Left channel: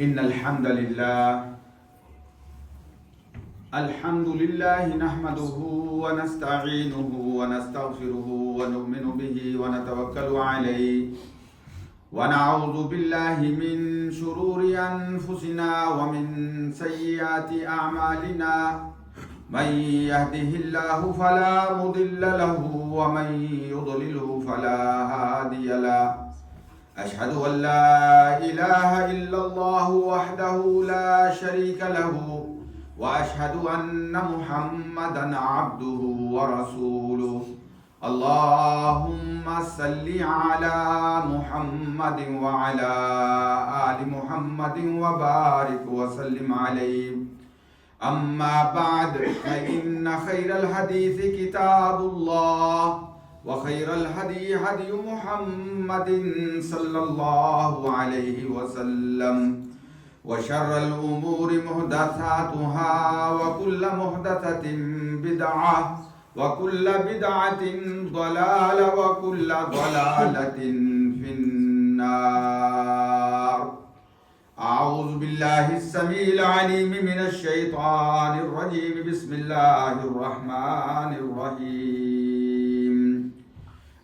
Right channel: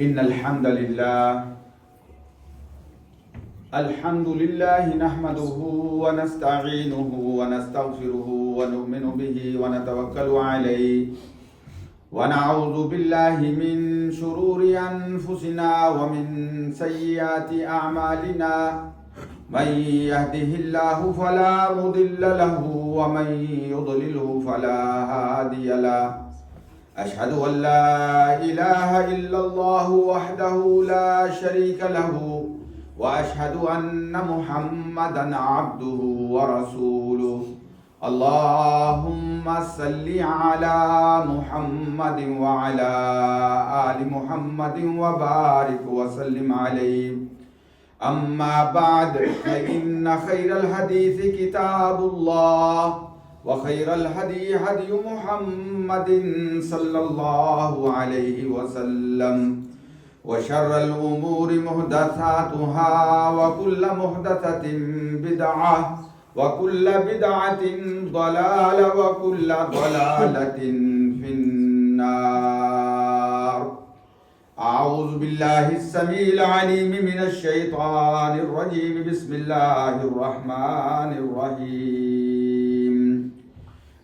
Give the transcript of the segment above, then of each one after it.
إن الحمد لله نحمده ونستعينه ونستغفره ونؤمن به ونتوكل عليه ونعوذ بالله من شرور أنفسنا ومن سيئات أعمالنا من يهده الله فلا مضل له ومن يضلله فلا هادي له أشهد أن لا إله إلا الله وحده لا شريك له وأشهد أن محمدا عبده ورسوله اللهم صل على محمد وعلى آل محمد وبارك وسلم عليه أما بعد فإن خير الحديث كتاب الله وخير الهدي هدي محمد صلى الله عليه وسلم وشر الأمور محدثاتها وكل محدثة بدعة وكل بدعة ضلالة وكل ضلالة في النار. أعوذ بالله السميع العليم من الشيطان الرجيم. بسم الله الرحمن الرحيم.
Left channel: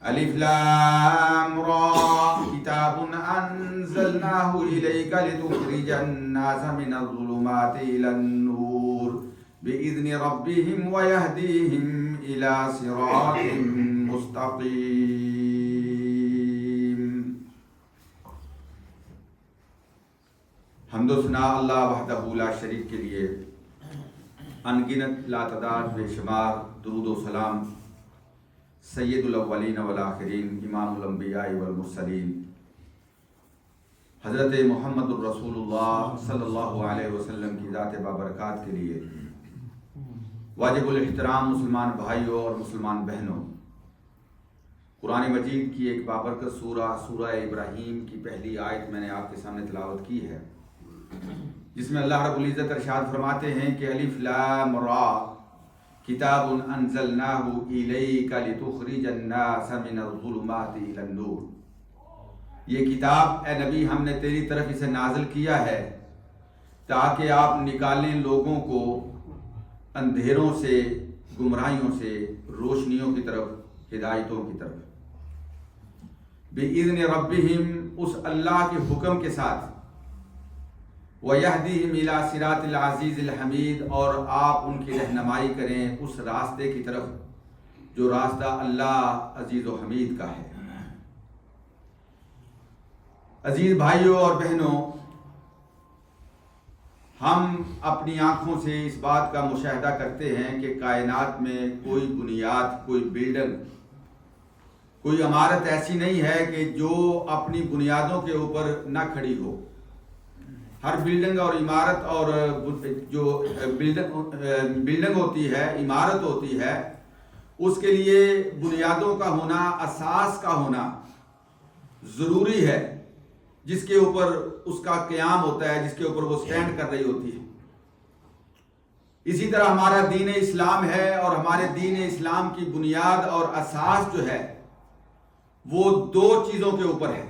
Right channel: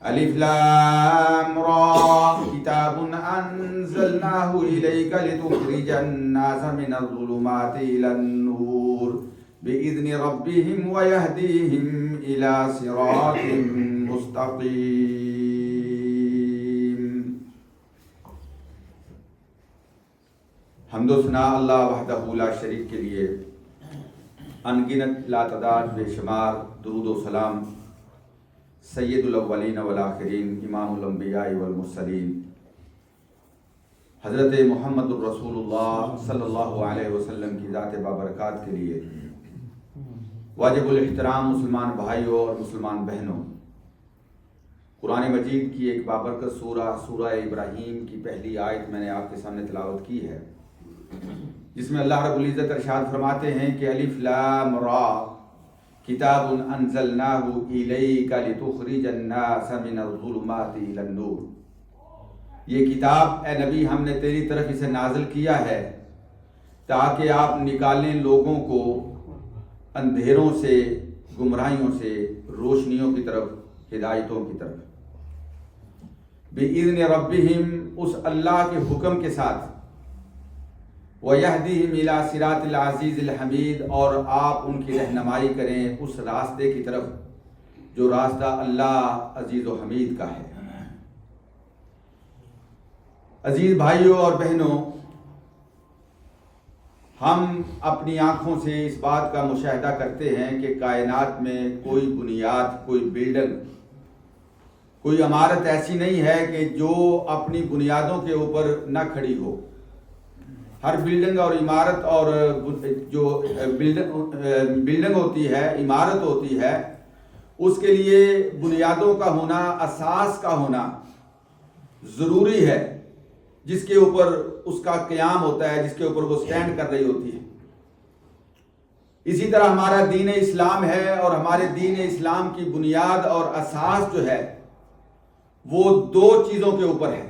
ألف لام را كتاب أنزلناه إليك لتخرج الناس من الظلمات إلى النور بإذن ربهم ويهديهم إلى صراط مستقيم. حمد و ثنا اللہ وحدہ لا شریک کے لیے، انگنت لا تعداد بے شمار درود و سلام سید الاولین والآخرین امام الانبیاء والمرسلین حضرت محمد الرسول اللہ صلی اللہ علیہ وسلم کی ذات بابرکات کے لیے واجب الاحترام مسلمان بھائیوں اور مسلمان بہنوں، قرآن مجید کی ایک بابرکت سورہ ابراہیم کی پہلی آیت میں نے آپ کے سامنے تلاوت کی ہے، جس میں اللہ رب العزت ارشاد فرماتے ہیں کہ الف لام را کتاب انزلناہ الیک لتخرج الناس من الظلمات الی النور. یہ کتاب اے نبی ہم نے تیری طرف اسے نازل کیا ہے تاکہ آپ نکالیں لوگوں کو اندھیروں سے، گمراہیوں سے روشنیوں کی طرف، ہدایتوں کی طرف. بِإِذْنِ رَبِّهِمْ، اس اللہ کے حکم کے ساتھ، وَيَهْدِهِمْ إِلَى صِرَاطِ الْعَزِيزِ الْحَمِيدِ، اور آپ ان کی رہنمائی کریں اس راستے کی طرف جو راستہ اللہ عزیز و حمید کا ہے. عزیز بھائیوں اور بہنوں، ہم اپنی آنکھوں سے اس بات کا مشاہدہ کرتے ہیں کہ کائنات میں کوئی بنیاد، کوئی بلڈنگ، کوئی عمارت ایسی نہیں ہے کہ جو اپنی بنیادوں کے اوپر نہ کھڑی ہو. ہر بلڈنگ اور عمارت اور جو بلڈنگ ہوتی ہے، عمارت ہوتی ہے، اس کے لیے بنیادوں کا ہونا، اساس کا ہونا ضروری ہے، جس کے اوپر اس کا قیام ہوتا ہے، جس کے اوپر وہ سٹینڈ کر رہی ہوتی ہے. اسی طرح ہمارا دین اسلام ہے، اور ہمارے دین اسلام کی بنیاد اور اساس جو ہے وہ دو چیزوں کے اوپر ہے.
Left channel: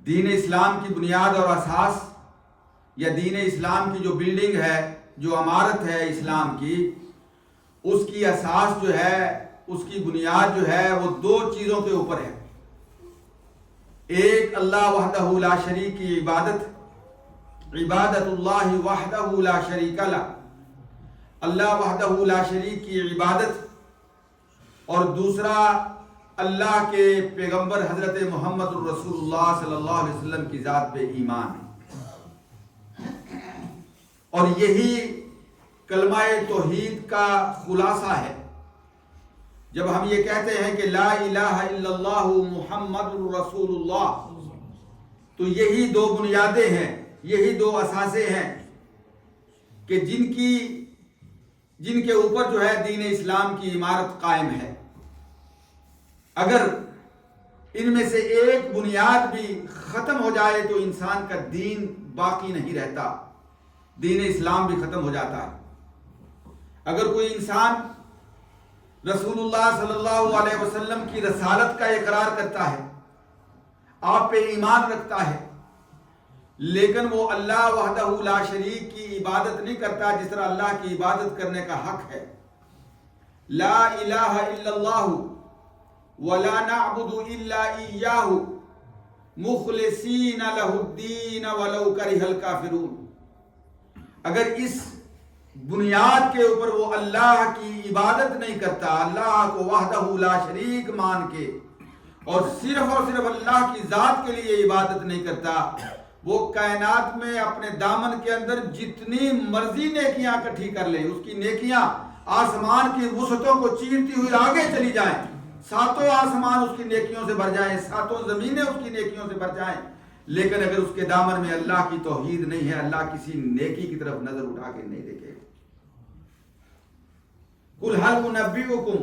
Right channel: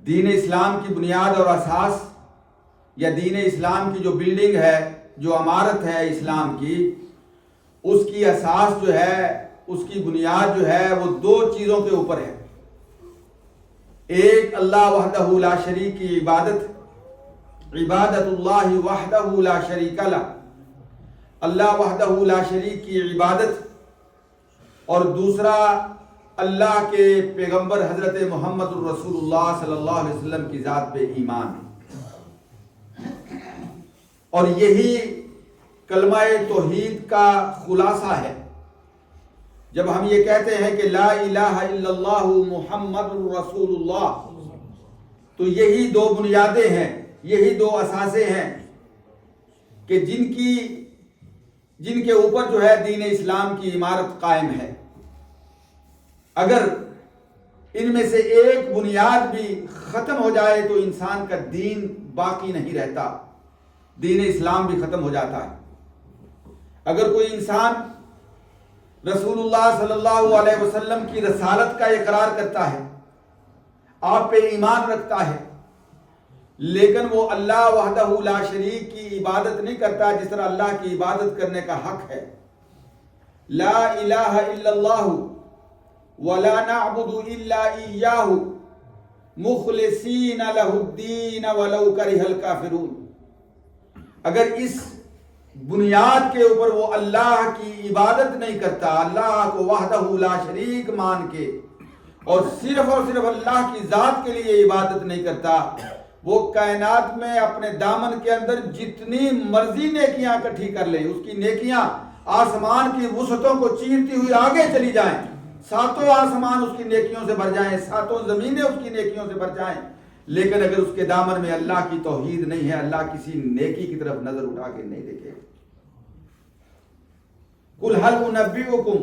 دین اسلام کی بنیاد اور اساس، یا دین اسلام کی جو بلڈنگ ہے، جو عمارت ہے اسلام کی، اس کی اساس جو ہے، اس کی بنیاد جو ہے وہ دو چیزوں کے اوپر ہے. ایک اللہ وحدہ لا شریک کی عبادت اللہ وحدہ لا شریک لہ، اللہ وحدہ لا شریک کی عبادت، اور دوسرا اللہ کے پیغمبر حضرت محمد الرسول اللہ صلی اللہ علیہ وسلم کی ذات پہ ایمان. اور یہی کلمہ توحید کا خلاصہ ہے. جب ہم یہ کہتے ہیں کہ لا الہ الا اللہ محمد الرسول اللہ، تو یہی دو بنیادیں ہیں، یہی دو اساسیں ہیں کہ جن کے اوپر جو ہے دین اسلام کی عمارت قائم ہے. اگر ان میں سے ایک بنیاد بھی ختم ہو جائے تو انسان کا دین باقی نہیں رہتا، دین اسلام بھی ختم ہو جاتا ہے. اگر کوئی انسان رسول اللہ صلی اللہ علیہ وسلم کی رسالت کا اقرار کرتا ہے، آپ پہ ایمان رکھتا ہے، لیکن وہ اللہ وحدہ لا شریک کی عبادت نہیں کرتا جس طرح اللہ کی عبادت کرنے کا حق ہے. لا الہ الا اللہ ولا نعبد الا ایاہ مخلصین لہ الدین ولو کرہ الکافرون. اگر اس بنیاد کے اوپر وہ اللہ کی عبادت نہیں کرتا، اللہ کو وحدہ لا شریک مان کے اور صرف اللہ کی ذات کے لیے عبادت نہیں کرتا، وہ کائنات میں اپنے دامن کے اندر جتنی مرضی نیکیاں اکٹھی کر لے، اس کی نیکیاں آسمان کی وسعتوں کو چیرتی ہوئی آگے چلی جائیں، ساتوں آسمان اس کی نیکیوں سے بھر جائیں، ساتوں زمینیں اس کی نیکیوں سے بھر جائیں، لیکن اگر اس کے دامن میں اللہ کی توحید نہیں ہے، اللہ کسی نیکی کی طرف نظر اٹھا کے نہیں دیکھے. قُلْ هَلْ أُنَبِّئُكُمْ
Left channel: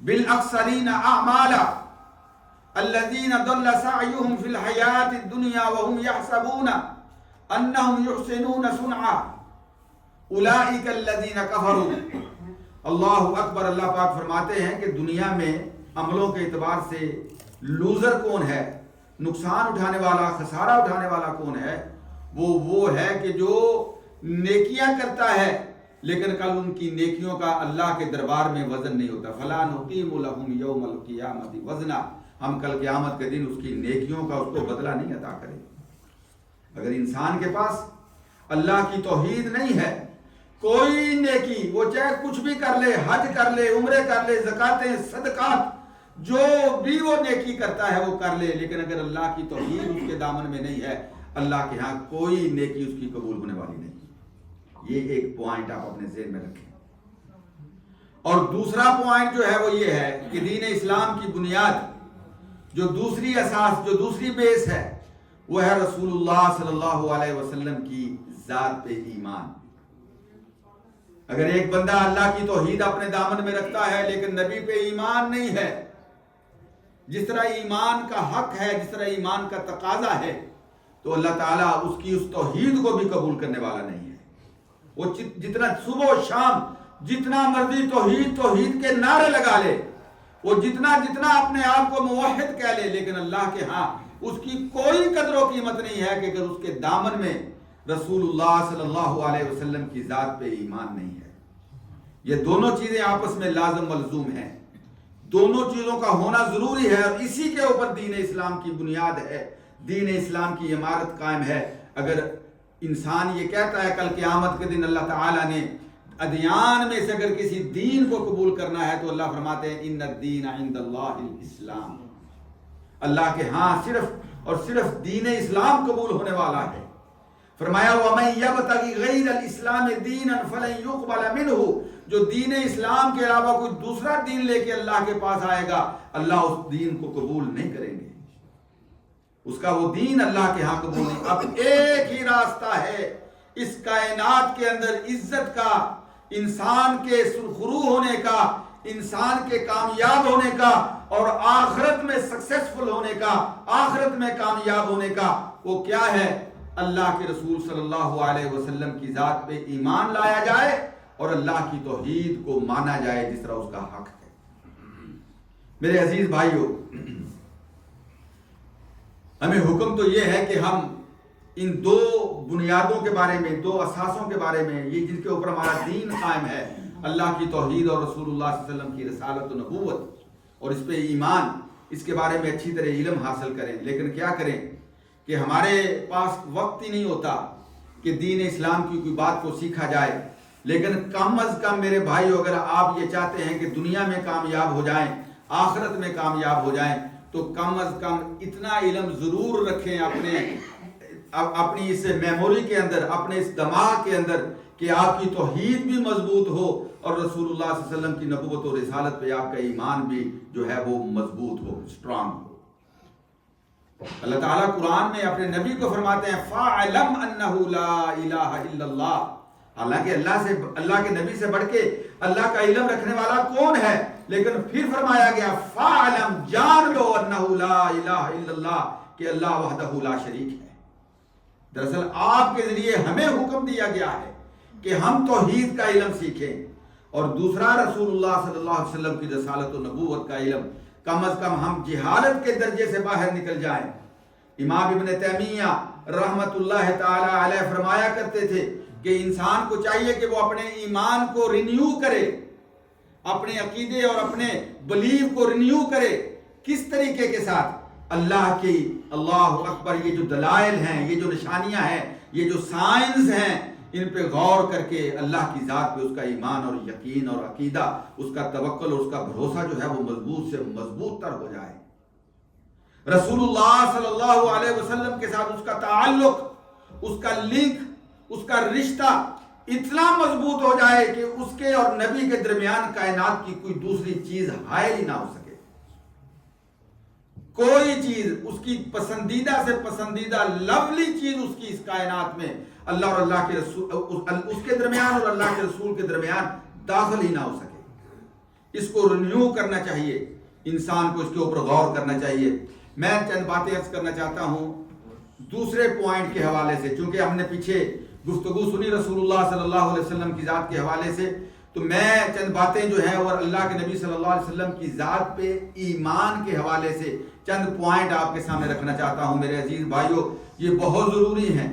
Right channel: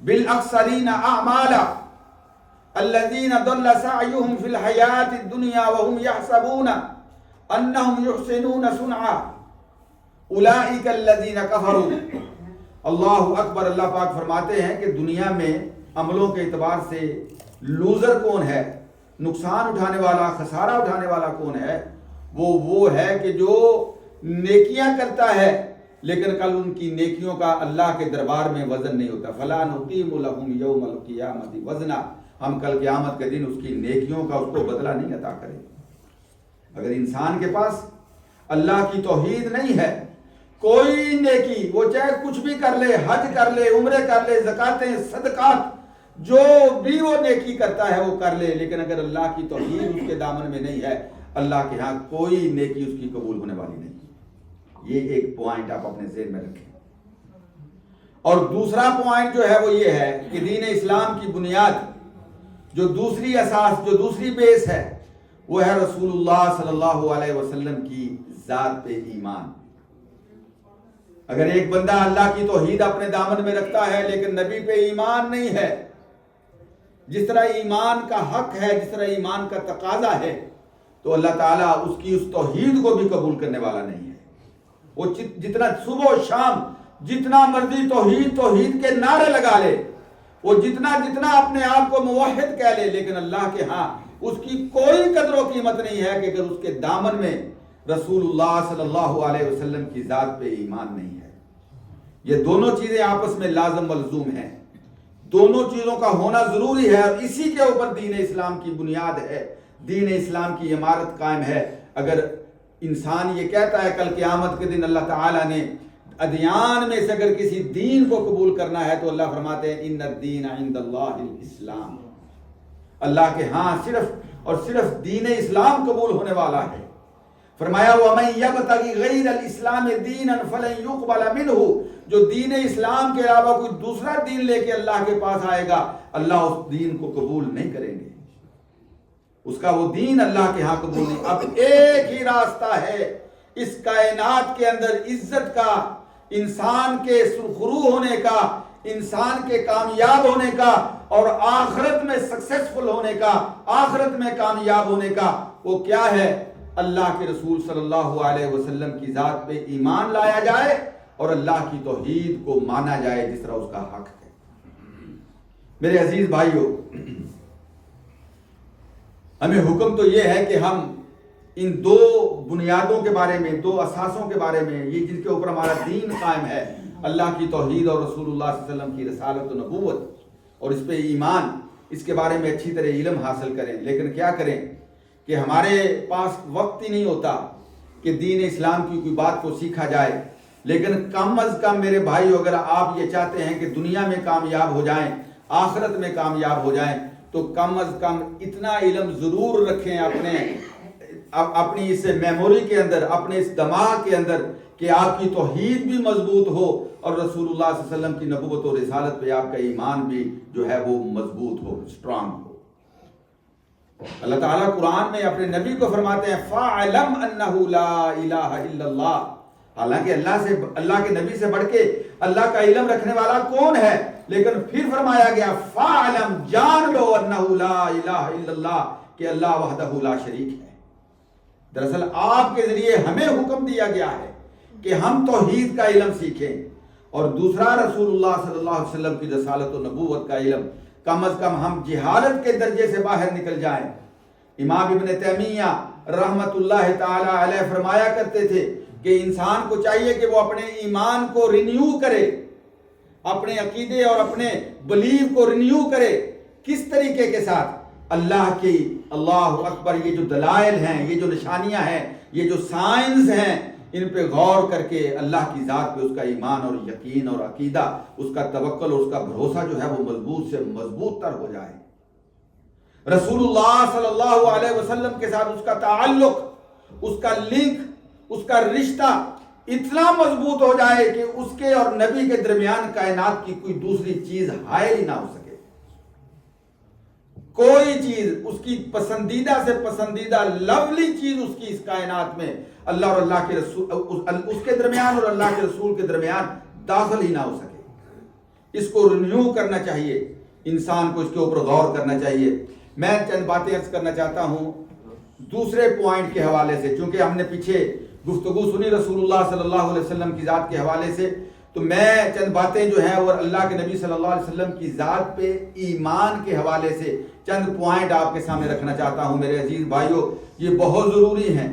بِالْأَخْسَرِينَ أَعْمَالًا الَّذِينَ ضَلَّ سَعْيُهُمْ فِي الْحَيَاةِ الدُّنْيَا وَهُمْ يَحْسَبُونَ أَنَّهُمْ يُحْسِنُونَ صُنْعًا أُولَئِكَ الَّذِينَ كَفَرُوا. اللہ اکبر. اللہ پاک فرماتے ہیں کہ دنیا میں عملوں کے اعتبار سے لوزر کون ہے، نقصان اٹھانے والا، خسارہ اٹھانے والا کون ہے؟ وہ ہے کہ جو نیکیاں کرتا ہے لیکن کل ان کی نیکیوں کا اللہ کے دربار میں وزن نہیں ہوتا. فَلَا نُقِيمُ لَهُمْ يَوْمَ الْقِيَامَةِ وَزْنًا. ہم کل قیامت کے دن اس کی نیکیوں کا اس کو بدلہ نہیں عطا کریں. اگر انسان کے پاس اللہ کی توحید نہیں ہے، کوئی نیکی وہ چاہے کچھ بھی کر لے، حج کر لے، عمرے کر لے، زکاتیں، صدقات، جو بھی وہ نیکی کرتا ہے وہ کر لے، لیکن اگر اللہ کی توحید اس کے دامن میں نہیں ہے، اللہ کے ہاں کوئی نیکی اس کی قبول ہونے والی نہیں. یہ ایک پوائنٹ آپ اپنے ذہن میں رکھیں. اور دوسرا پوائنٹ جو ہے وہ یہ ہے کہ دین اسلام کی بنیاد، جو دوسری اساس، جو دوسری بیس ہے، وہ ہے رسول اللہ صلی اللہ علیہ وسلم کی ذات پہ ایمان. اگر ایک بندہ اللہ کی توحید اپنے دامن میں رکھتا ہے لیکن نبی پہ ایمان نہیں ہے، جس طرح ایمان کا حق ہے، جس طرح ایمان کا تقاضا ہے، تو اللہ تعالیٰ اس کی اس توحید کو بھی قبول کرنے والا نہیں ہے. وہ جتنا صبح و شام جتنا مرضی توحید کے نعرے لگا لے، وہ جتنا اپنے آپ کو موحد کہہ لے، لیکن اللہ کے ہاں اس کی کوئی قدر و قیمت نہیں ہے کہ اگر اس کے دامن میں رسول اللہ صلی اللہ علیہ وسلم کی ذات پہ ایمان نہیں ہے. یہ دونوں چیزیں آپس میں لازم ملزوم ہیں، دونوں چیزوں کا ہونا ضروری ہے، اور اسی کے اوپر دین اسلام کی بنیاد ہے، دین اسلام کی عمارت قائم ہے. اگر انسان یہ کہتا ہے کل قیامت کے دن اللہ تعالیٰ نے ادیان میں سے اگر کسی دین کو قبول کرنا ہے تو اللہ فرماتے ہیں ان الدین عند اللہ الاسلام. اللہ کے ہاں صرف اور صرف دین اسلام قبول ہونے والا ہے. فرمایا وَمَن يَبْتَغِ غَيْرَ الْإِسْلَامِ دِينًا فَلَن يُقْبَلَ مِنْهُ. جو دین اسلام کے علاوہ کوئی دوسرا دین لے کے اللہ کے پاس آئے گا، اللہ اس دین کو قبول نہیں کریں گے، اس کا وہ دین اللہ کے ہاں قبول نہیں. اب ایک ہی راستہ ہے اس کائنات کے اندر عزت کا، انسان کے سرخرو ہونے کا، انسان کے کامیاب ہونے کا اور آخرت میں سکسیسفل ہونے کا، آخرت میں کامیاب ہونے کا. وہ کیا ہے؟ اللہ کے رسول صلی اللہ علیہ وسلم کی ذات پہ ایمان لایا جائے اور اللہ کی توحید کو مانا جائے جس طرح اس کا حق ہے. میرے عزیز بھائیوں، ہمیں حکم تو یہ ہے کہ ہم ان دو بنیادوں کے بارے میں، دو اساسوں کے بارے میں، یہ جن کے اوپر ہمارا دین قائم ہے، اللہ کی توحید اور رسول اللہ صلی اللہ علیہ وسلم کی رسالت و نبوت اور اس پہ ایمان، اس کے بارے میں اچھی طرح علم حاصل کریں. لیکن کیا کریں کہ ہمارے پاس وقت ہی نہیں ہوتا کہ دین اسلام کی کوئی بات کو سیکھا جائے. لیکن کم از کم میرے بھائی، اگر آپ یہ چاہتے ہیں کہ دنیا میں کامیاب ہو جائیں، آخرت میں کامیاب ہو جائیں، تو کم از کم اتنا علم ضرور رکھیں اپنی اس میموری کے اندر، اپنے اس دماغ کے اندر، کہ آپ کی توحید بھی مضبوط ہو اور رسول اللہ صلی اللہ علیہ وسلم کی نبوت اور رسالت پہ آپ کا ایمان بھی جو ہے وہ مضبوط ہو، اسٹرانگ ہو. اللہ تعالیٰ قرآن میں اپنے نبی کو فرماتے ہیں فَاعْلَمْ أَنَّهُ لَا إِلَٰهَ إِلَّا اللَّهُ. حالانکہ اللہ کے نبی سے بڑھ کے اللہ کا علم رکھنے والا کون ہے؟ لیکن پھر فرمایا گیا فَاعْلَمْ، جان لو، أَنَّهُ لَا إِلَٰهَ إِلَّا اللَّهُ، کہ اللہ وحدہ لا شریک ہے. دراصل آپ کے ذریعے ہمیں حکم دیا گیا ہے کہ ہم توحید کا علم سیکھیں، اور دوسرا رسول اللہ صلی اللہ علیہ وسلم کی رسالت و نبوت کا علم. کم از کم ہم جہالت کے درجے سے باہر نکل جائیں. امام ابن تیمیہ رحمت اللہ تعالی علیہ فرمایا کرتے تھے کہ انسان کو چاہیے کہ وہ اپنے ایمان کو رینیو کرے، اپنے عقیدے اور اپنے بلیف کو رینیو کرے۔ کس طریقے کے ساتھ؟ اللہ کی، اللہ اکبر، یہ جو دلائل ہیں، یہ جو نشانیاں ہیں، یہ جو سائنس ہیں، ان پہ غور کر کے اللہ کی ذات پہ اس کا ایمان اور یقین اور عقیدہ، اس کا توکل اور اس کا بھروسہ جو ہے وہ مضبوط سے مضبوط تر ہو جائے۔ رسول اللہ صلی اللہ علیہ وسلم کے ساتھ اس کا تعلق، اس کا لنک، اس کا رشتہ اتنا مضبوط ہو جائے کہ اس کے اور نبی کے درمیان کائنات کی کوئی دوسری چیز حائل ہی نہ ہو سکے۔ کوئی چیز، اس کی پسندیدہ سے پسندیدہ لولی چیز اس کی اس کائنات میں اللہ اور اللہ کے رسول، اس کے درمیان اور اللہ کے رسول کے درمیان داخل ہی نہ ہو سکے۔ اس کو رینیو کرنا چاہیے، انسان کو اس کے اوپر غور کرنا چاہیے۔ میں چند باتیں عرض کرنا چاہتا ہوں دوسرے پوائنٹ کے حوالے سے، چونکہ ہم نے پیچھے گفتگو سنی رسول اللہ صلی اللہ علیہ وسلم کی ذات کے حوالے سے، تو میں چند باتیں جو ہیں اور اللہ کے نبی صلی اللہ علیہ وسلم کی ذات پہ ایمان کے حوالے سے چند پوائنٹ آپ کے سامنے رکھنا چاہتا ہوں میرے عزیز بھائیوں۔ یہ بہت ضروری ہیں۔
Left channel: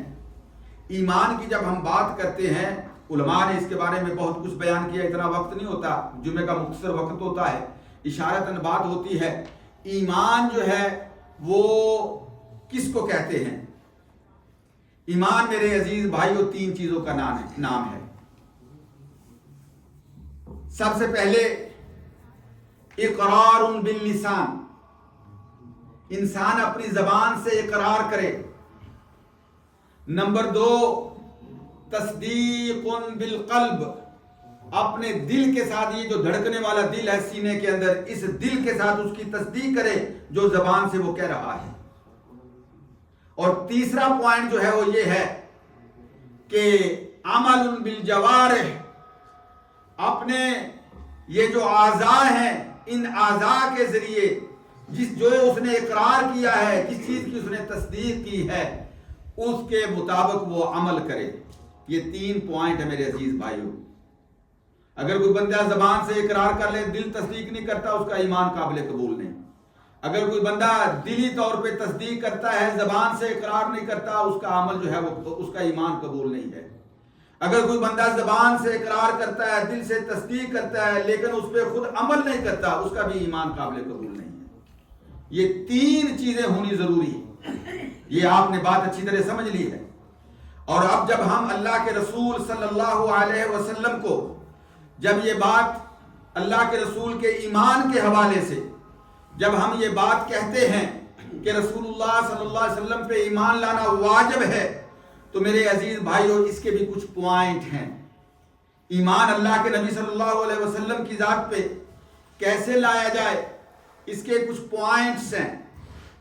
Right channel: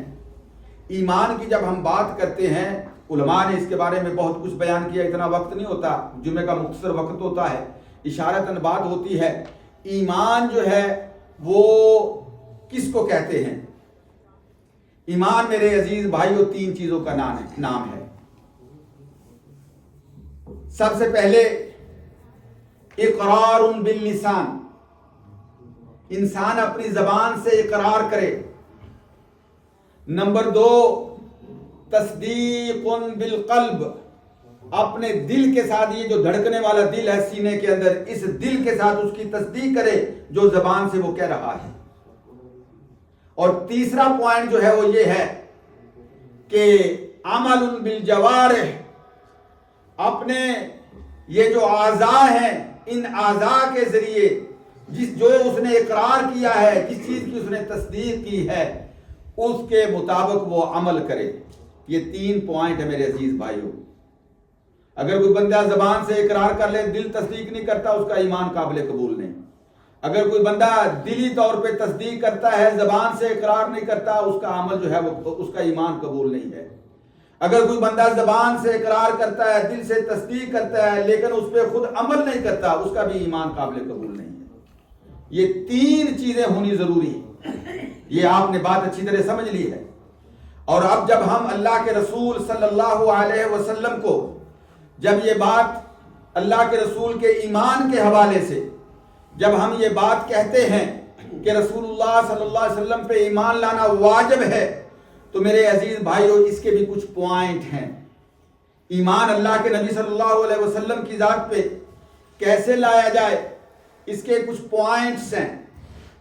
ایمان کی جب ہم بات کرتے ہیں، علماء نے اس کے بارے میں بہت کچھ بیان کیا، اتنا وقت نہیں ہوتا، جمعے کا مختصر وقت ہوتا ہے، اشارتاً بات ہوتی ہے۔ ایمان جو ہے وہ کس کو کہتے ہیں؟ ایمان میرے عزیز بھائیوں تین چیزوں کا نام ہے۔ سب سے پہلے اقرار باللسان، انسان اپنی زبان سے اقرار کرے۔ نمبر دو، تصدیق بالقلب، اپنے دل کے ساتھ، یہ جو دھڑکنے والا دل ہے سینے کے اندر، اس دل کے ساتھ اس کی تصدیق کرے جو زبان سے وہ کہہ رہا ہے۔ اور تیسرا پوائنٹ جو ہے وہ یہ ہے کہ عمل بالجوارح، اپنے یہ جو اعضاء ہیں، ان اعضاء کے ذریعے جو اس نے اقرار کیا ہے، جس چیز کی اس نے تصدیق کی ہے، اس کے مطابق وہ عمل کرے۔ یہ تین پوائنٹ ہے میرے عزیز بھائیوں۔ اگر کوئی بندہ زبان سے اقرار کر لے، دل تصدیق نہیں کرتا، اس کا ایمان قابل قبول نہیں۔ اگر کوئی بندہ دلی طور پہ تصدیق کرتا ہے، زبان سے اقرار نہیں کرتا، اس کا عمل جو ہے وہ، اس کا ایمان قبول نہیں ہے۔ اگر کوئی بندہ زبان سے اقرار کرتا ہے، دل سے تصدیق کرتا ہے، لیکن اس پہ خود عمل نہیں کرتا، اس کا بھی ایمان قابل قبول نہیں ہے۔ یہ تین چیزیں ہونی ضروری ہیں۔ یہ آپ نے بات اچھی طرح سمجھ لی ہے۔ اور اب جب ہم اللہ کے رسول صلی اللہ علیہ وسلم کو، جب یہ بات اللہ کے رسول کے ایمان کے حوالے سے جب ہم یہ بات کہتے ہیں کہ رسول اللہ صلی اللہ علیہ وسلم پہ ایمان لانا واجب ہے، تو میرے عزیز بھائیوں اس کے بھی کچھ پوائنٹ ہیں۔ ایمان اللہ کے نبی صلی اللہ علیہ وسلم کی ذات پہ کیسے لایا جائے، اس کے کچھ پوائنٹس ہیں،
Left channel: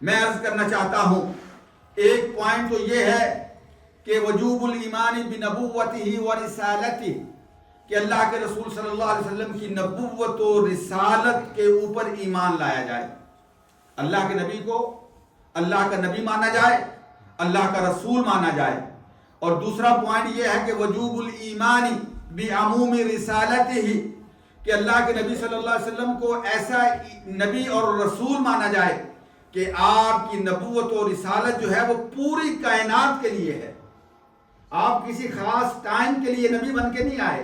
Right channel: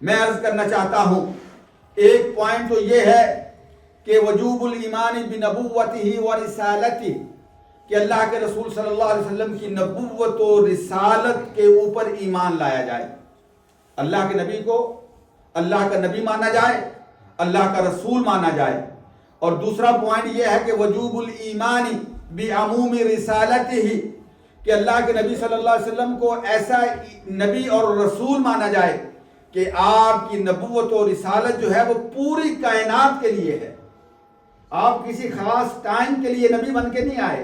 میں عرض کرنا چاہتا ہوں۔ ایک پوائنٹ تو یہ ہے کہ وجوب الایمان بنبوتہ و رسالتہ، کہ اللہ کے رسول صلی اللہ علیہ وسلم کی نبوت و رسالت کے اوپر ایمان لایا جائے۔ اللہ کے نبی کو اللہ کا نبی مانا جائے، اللہ کا رسول مانا جائے۔ اور دوسرا پوائنٹ یہ ہے کہ وجوب الایمان بعموم رسالتہ، کہ اللہ کے نبی صلی اللہ علیہ وسلم کو ایسا نبی اور رسول مانا جائے کہ آپ کی نبوت و رسالت جو ہے وہ پوری کائنات کے لیے ہے۔ آپ کسی خاص ٹائم کے لیے نبی بن کے نہیں آئے،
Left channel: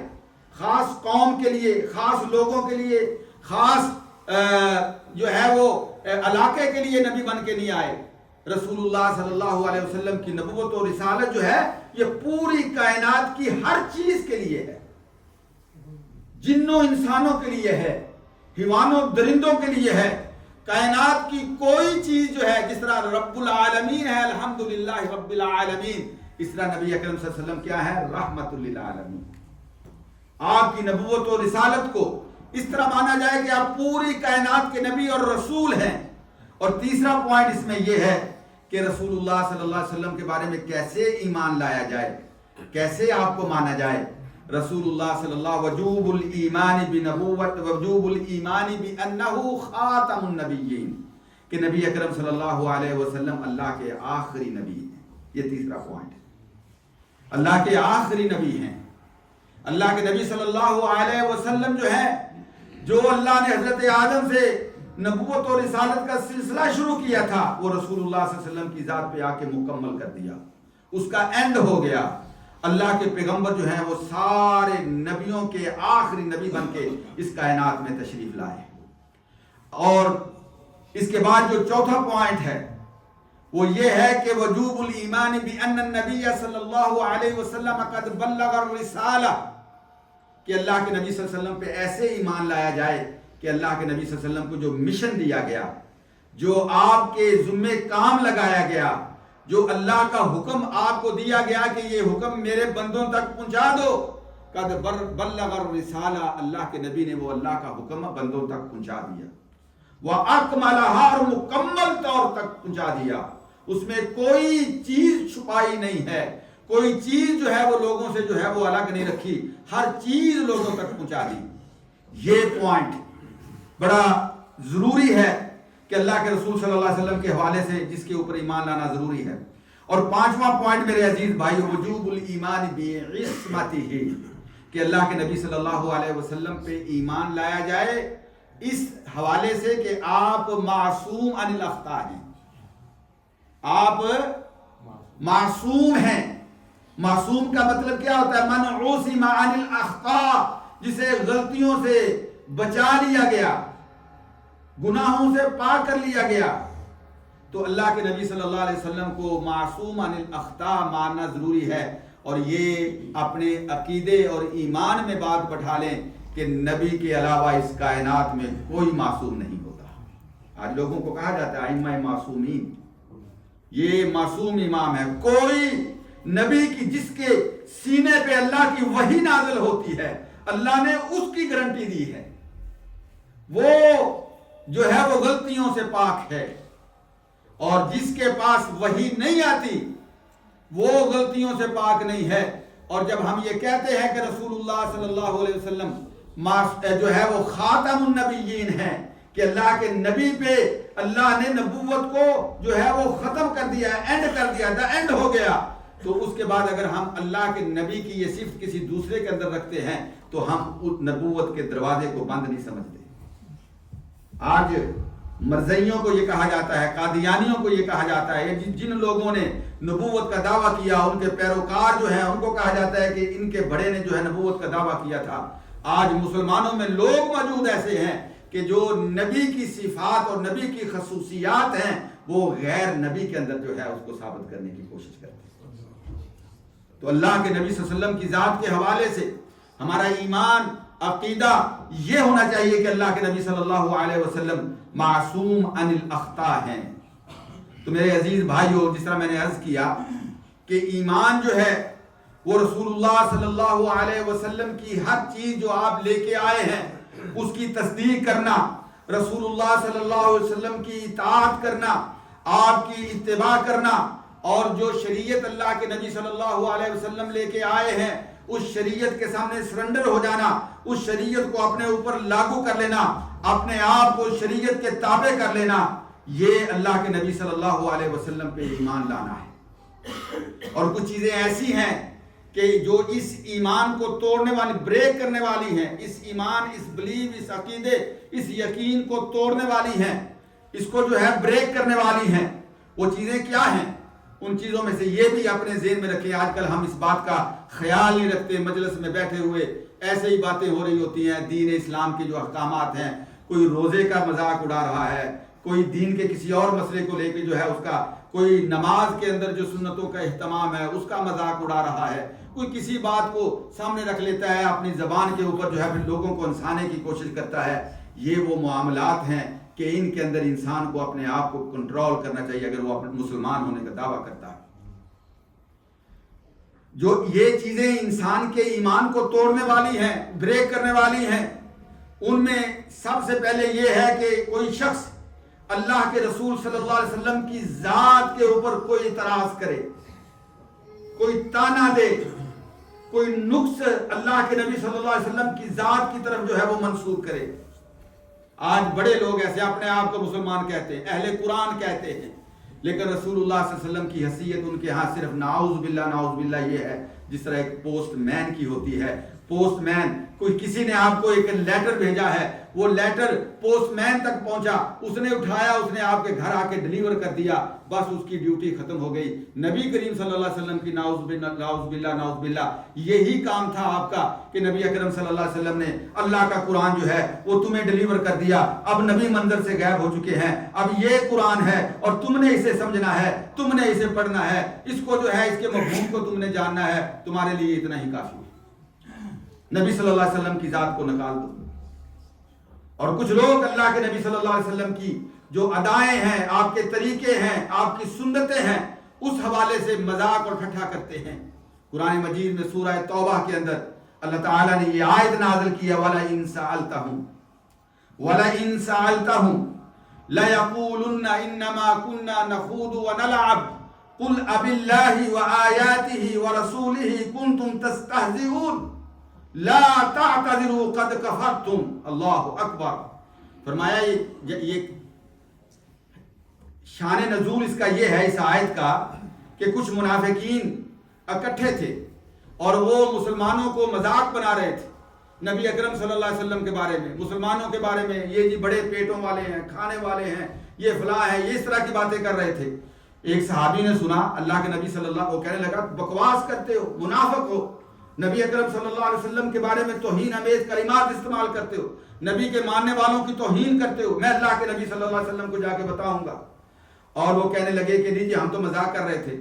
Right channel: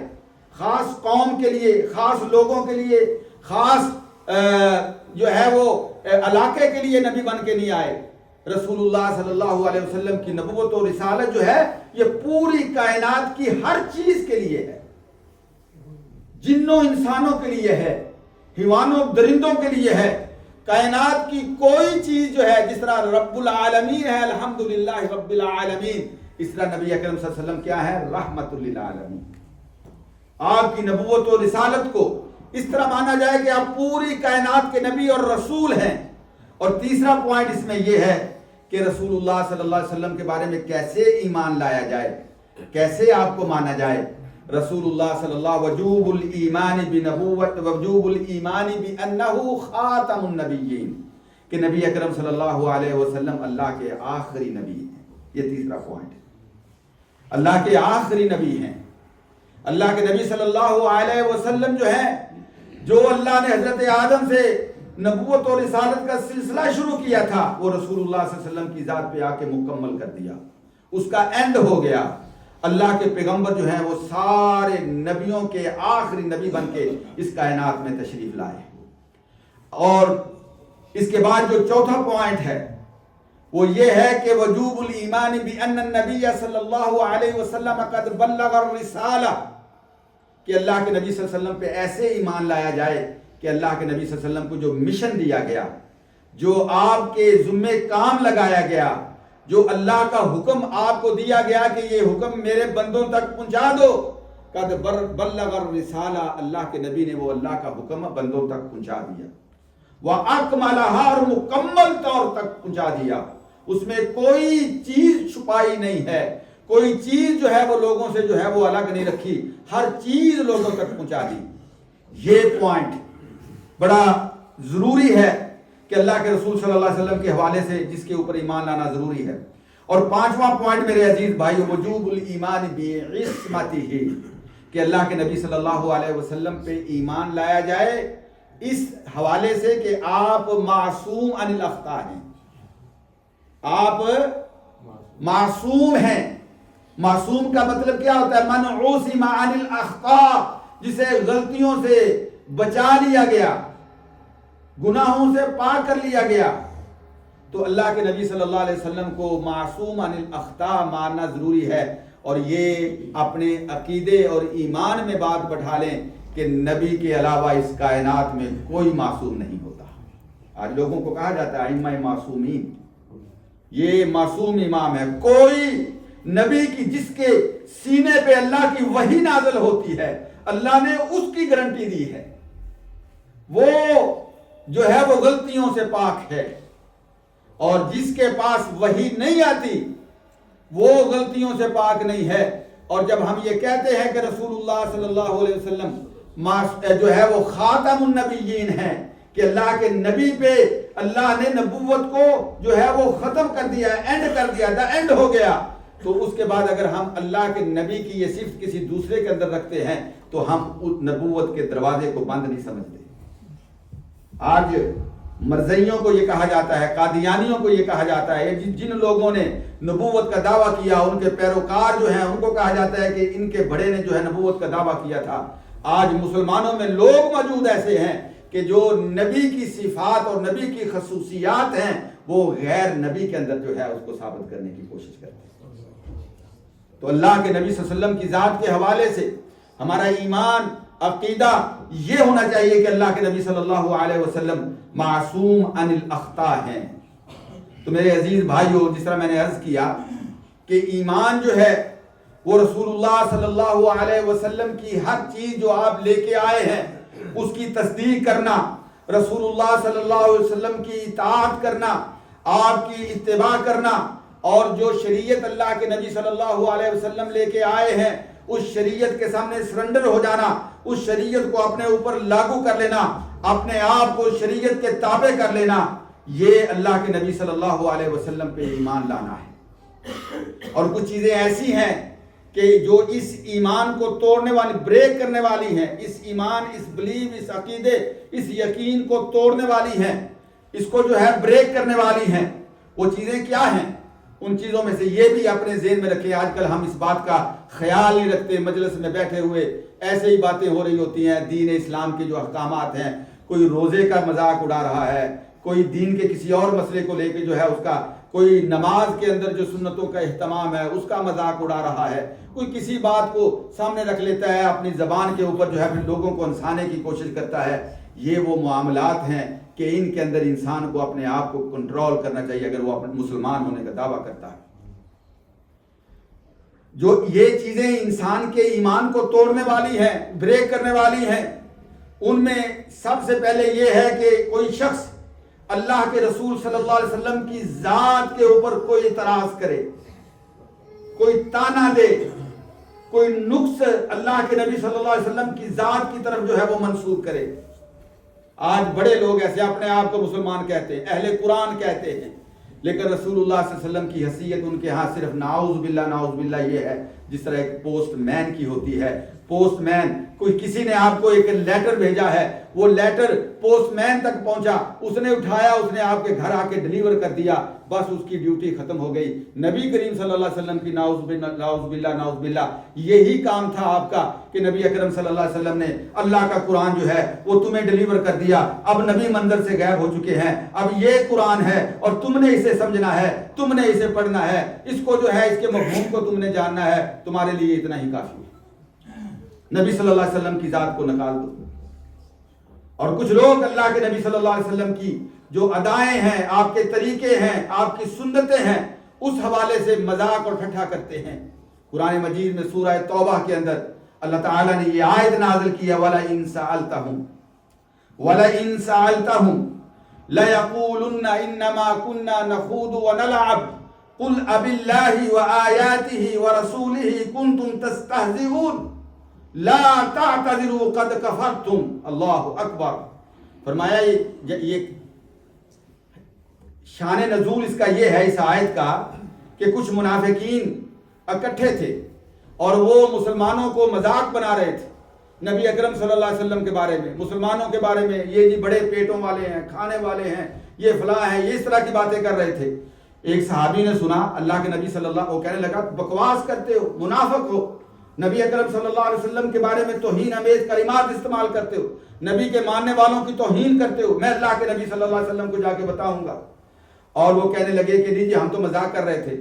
خاص قوم کے لیے، خاص لوگوں کے لیے، خاص جو ہے وہ علاقے کے لیے نبی بن کے نہیں آئے۔ رسول اللہ صلی اللہ علیہ وسلم کی نبوت و رسالت جو ہے یہ پوری کائنات کی ہر چیز کے لیے ہے، جنوں انسانوں کے لیے ہے، حیوانوں درندوں کے لیے ہے۔ کائنات کی کوئی چیز جو ہے، جس طرح رب العالمین ہے الحمدللہ رب العالمین، اس طرح نبی اکرم صلی اللہ علیہ وسلم کیا ہے؟ رحمت للعالمین۔ آپ کی نبوت و رسالت کو اس طرح مانا جائے کہ آپ پوری کائنات کے نبی اور رسول ہیں۔ اور تیسرا پوائنٹ اس میں یہ ہے کہ رسول اللہ صلی اللہ علیہ وسلم کے بارے میں کیسے ایمان لایا جائے، کیسے آپ کو مانا جائے۔ رسول اللہ صلی اللہ وجوب الایمان بنبوت وجوب الایمان بانہ خاتم النبیین، کہ نبی اکرم صلی اللہ علیہ وسلم اللہ کے آخری نبی ہیں۔ یہ تیسرا پوائنٹ ہے، اللہ کے آخری نبی ہیں۔ اللہ کے نبی صلی اللہ علیہ وسلم جو ہے، جو اللہ نے حضرت آدم سے نبوت اور رسالت کا سلسلہ شروع کیا تھا، وہ رسول اللہ صلی اللہ علیہ وسلم کی ذات پہ آ کے مکمل کر دیا۔ اس کا اینڈ ہو گیا. اللہ کے پیغمبر جو ہیں وہ سارے نبیوں کے آخری نبی بن کے اس کائنات میں تشریف لائے. اور اس کے بعد جو چوتھا پوائنٹ ہے وہ یہ ہے کہ وجوب الایمان بان النبی صلی اللہ علیہ وسلم قد بلغ الرسالہ، کہ اللہ کے نبی صلی اللہ علیہ وسلم پہ ایسے ایمان لایا جائے کہ اللہ کے نبی صلی اللہ علیہ وسلم کو جو مشن دیا گیا، جو آپ کے ذمہ کام لگایا گیا، جو اللہ کا حکم آپ کو دیا گیا کہ یہ حکم میرے بندوں تک پہنچا دو، قد بلغ الرسالہ، اللہ کے نبی نے وہ اللہ کا حکم بندوں تک پہنچا دیا. وَأَكْمَلَهَا، اور مکمل طور تک پہنچا دیا. اس میں کوئی چیز چھپائی نہیں ہے، کوئی چیز جو ہے وہ لوگوں سے جو ہے وہ الگ نہیں رکھی، ہر چیز لوگوں تک پہنچا دی. یہ پوائنٹ بڑا ضروری ہے کہ اللہ کے رسول صلی اللہ علیہ وسلم کے حوالے سے جس کے اوپر ایمان لانا ضروری ہے. اور پانچواں پوائنٹ میرے عزیز بھائی، وجوب الایمان بعصمتہ، کہ اللہ کے نبی صلی اللہ علیہ وسلم پہ ایمان لایا جائے اس حوالے سے کہ آپ معصوم عن الاخطاء ہیں، آپ معصوم ہیں. معصوم کا مطلب کیا ہوتا ہے؟ من عصم عن الاخطاء، جسے غلطیوں سے بچا لیا گیا، گناہوں سے پاک کر لیا گیا. تو اللہ کے نبی صلی اللہ علیہ وسلم کو معصوم عن الاخطاء ماننا ضروری ہے. اور یہ اپنے عقیدے اور ایمان میں بات بٹھا لیں کہ نبی کے علاوہ اس کائنات میں کوئی معصوم نہیں ہوتا. آج لوگوں کو کہا جاتا ہے ائمہ معصومین، یہ معصوم امام ہے. کوئی نبی کی جس کے سینے پہ اللہ کی وحی نازل ہوتی ہے، اللہ نے اس کی گارنٹی دی ہے، وہ جو ہے وہ غلطیوں سے پاک ہے. اور جس کے پاس وحی نہیں آتی وہ غلطیوں سے پاک نہیں ہے. اور جب ہم یہ کہتے ہیں کہ رسول اللہ صلی اللہ علیہ وسلم جو ہے وہ خاتم النبیین ہیں، کہ اللہ کے نبی پہ اللہ نے نبوت کو جو ہے وہ ختم کر دیا، اینڈ کر دیا، دا اینڈ ہو گیا، تو اس کے بعد اگر ہم اللہ کے نبی کی یہ صفت کسی دوسرے کے اندر رکھتے ہیں تو ہم اس نبوت کے دروازے کو بند نہیں سمجھتے. آج مرزائیوں کو یہ کہا جاتا ہے، قادیانیوں کو یہ کہا جاتا ہے، جن لوگوں نے نبوت کا دعویٰ کیا، ان کے پیروکار جو ہیں ان کو کہا جاتا ہے کہ ان کے بڑے نے جو ہے نبوت کا دعویٰ کیا تھا. آج مسلمانوں میں لوگ موجود ایسے ہیں کہ جو نبی کی صفات اور نبی کی خصوصیات ہیں وہ غیر نبی کے اندر جو ہے اس کو ثابت کرنے کی کوشش کرتے ہیں. تو اللہ کے نبی صلی اللہ علیہ وسلم کی ذات کے حوالے سے ہمارا ایمان، عقیدہ یہ ہونا چاہیے کہ اللہ کے نبی صلی اللہ علیہ وسلم معصوم عن الاخطاء ہیں. تو میرے عزیز بھائیو، جس طرح میں نے عرض کیا کہ ایمان جو ہے وہ رسول اللہ صلی اللہ علیہ وسلم کی ہر چیز جو آپ لے کے آئے ہیں اس کی تصدیق کرنا، رسول اللہ صلی اللہ علیہ وسلم کی اطاعت کرنا، آپ کی اتباع کرنا، اور جو شریعت اللہ کے نبی صلی اللہ علیہ وسلم لے کے آئے ہیں اس شریعت کے سامنے سرنڈر ہو جانا، اس شریعت کو اپنے اوپر لاگو کر لینا، اپنے آپ کو شریعت کے تابع کر لینا، یہ اللہ کے نبی صلی اللہ علیہ وسلم پہ ایمان لانا ہے. اور کچھ چیزیں ایسی ہیں کہ جو اس ایمان کو توڑنے والی، بریک کرنے والی ہیں، اس ایمان، اس بلیو، اس عقیدے، اس یقین کو توڑنے والی ہیں، اس کو جو ہے بریک کرنے والی ہیں. وہ چیزیں کیا ہیں؟ ان چیزوں میں سے یہ بھی اپنے ذہن میں رکھیں. آج کل ہم اس بات کا خیال نہیں رکھتے، مجلس میں بیٹھے ہوئے ایسے ہی باتیں ہو رہی ہوتی ہیں. دین اسلام کے جو احکامات ہیں، کوئی روزے کا مذاق اڑا رہا ہے، کوئی دین کے کسی اور مسئلے کو لے کے جو ہے اس کا، کوئی نماز کے اندر جو سنتوں کا اہتمام ہے اس کا مذاق اڑا رہا ہے، کوئی کسی بات کو سامنے رکھ لیتا ہے، اپنی زبان کے اوپر جو ہے پھر لوگوں کو ہنسانے کی کوشش کرتا ہے. یہ وہ معاملات ہیں کہ ان کے اندر انسان کو اپنے آپ کو کنٹرول کرنا چاہیے اگر وہ اپنے مسلمان ہونے کا دعویٰ کرتا ہے. جو یہ چیزیں انسان کے ایمان کو توڑنے والی ہیں، بریک کرنے والی ہیں، ان میں سب سے پہلے یہ ہے کہ کوئی شخص اللہ کے رسول صلی اللہ علیہ وسلم کی ذات کے اوپر کوئی اعتراض کرے، کوئی تانا دے، کوئی نقص اللہ کے نبی صلی اللہ علیہ وسلم کی ذات کی طرف جو ہے وہ منسوب کرے. آج بڑے لوگ ایسے اپنے آپ کو مسلمان کہتے ہیں، اہل قرآن کہتے ہیں، لیکن رسول اللہ صلی اللہ علیہ وسلم کی حیثیت ان کے ہاں صرف نعوذ باللہ یہ ہے جس طرح ایک پوسٹ مین کی ہوتی ہے. پوسٹ مین، کوئی کسی نے آپ کو ایک لیٹر بھیجا ہے، وہ لیٹر پوسٹ مین تک پہنچا، اس نے اٹھایا، اس نے آپ کے گھر آ کے ڈیلیور کر دیا. بس اس کی ڈیوٹی ختم ہو گئی. نبی کریم صلی اللہ علیہ وسلم کی نعوذ باللہ یہی کام تھا آپ کا کہ نبی اکرم صلی اللہ علیہ وسلم نے اللہ کا قرآن جو ہے وہ تمہیں ڈیلیور کر دیا. اب نبی منظر سے غائب ہو چکے ہیں, اب یہ قرآن ہے اور تم نے اسے سمجھنا ہے, تم نے اسے پڑھنا ہے, اس کو جو ہے اس کے مفہوم کو تم نے جاننا ہے, تمہارے لیے اتنا ہی کافی ہے. نبی صلی اللہ علیہ وسلم کی ذات کو نکال دو. اور کچھ لوگ اللہ کے نبی صلی اللہ علیہ وسلم کی جو ادائیں ہیں, آپ کے طریقے ہیں, آپ کی سنتیں ہیں, اس حوالے سے مذاق اور ٹھٹھا کرتے ہیں. قرآن مجید میں سورہ توبہ کے اندر اللہ تعالیٰ نے یہ آیت نازل کی ہے, وَلَئِن سَأَلْتَهُمْ لَيَقُولُنَّ إِنَّمَا كُنَّا نَخُوضُ وَنَلْعَبُ قُلْ أَبِاللَّهِ وَآيَاتِهِ وَرَسُولِهِ كُنْتُمْ تَسْتَهْزِئُونَ لا تعتذروا قد کفرتم. اللہ اکبر. فرمایا یہ شان نزول اس کا یہ ہے, اس آیت کا, کہ کچھ منافقین اکٹھے تھے اور وہ مسلمانوں کو مذاق بنا رہے تھے نبی اکرم صلی اللہ علیہ وسلم کے بارے میں, مسلمانوں کے بارے میں. یہ جی بڑے پیٹوں والے ہیں, کھانے والے ہیں, یہ فلاں ہیں, یہ اس طرح کی باتیں کر رہے تھے. ایک صحابی نے سنا اللہ کے نبی صلی اللہ, وہ کہنے لگا بکواس کرتے ہو, منافق ہو, نبی اکرم صلی اللہ علیہ وسلم کے بارے میں توہین امیز کلمات استعمال کرتے ہو, نبی کے ماننے والوں کی توہین کرتے ہو, میں اللہ کے نبی صلی اللہ علیہ وسلم کو جا کے بتاؤں گا. اور وہ کہنے لگے کہ نہیں جی ہم تو مذاق کر رہے تھے,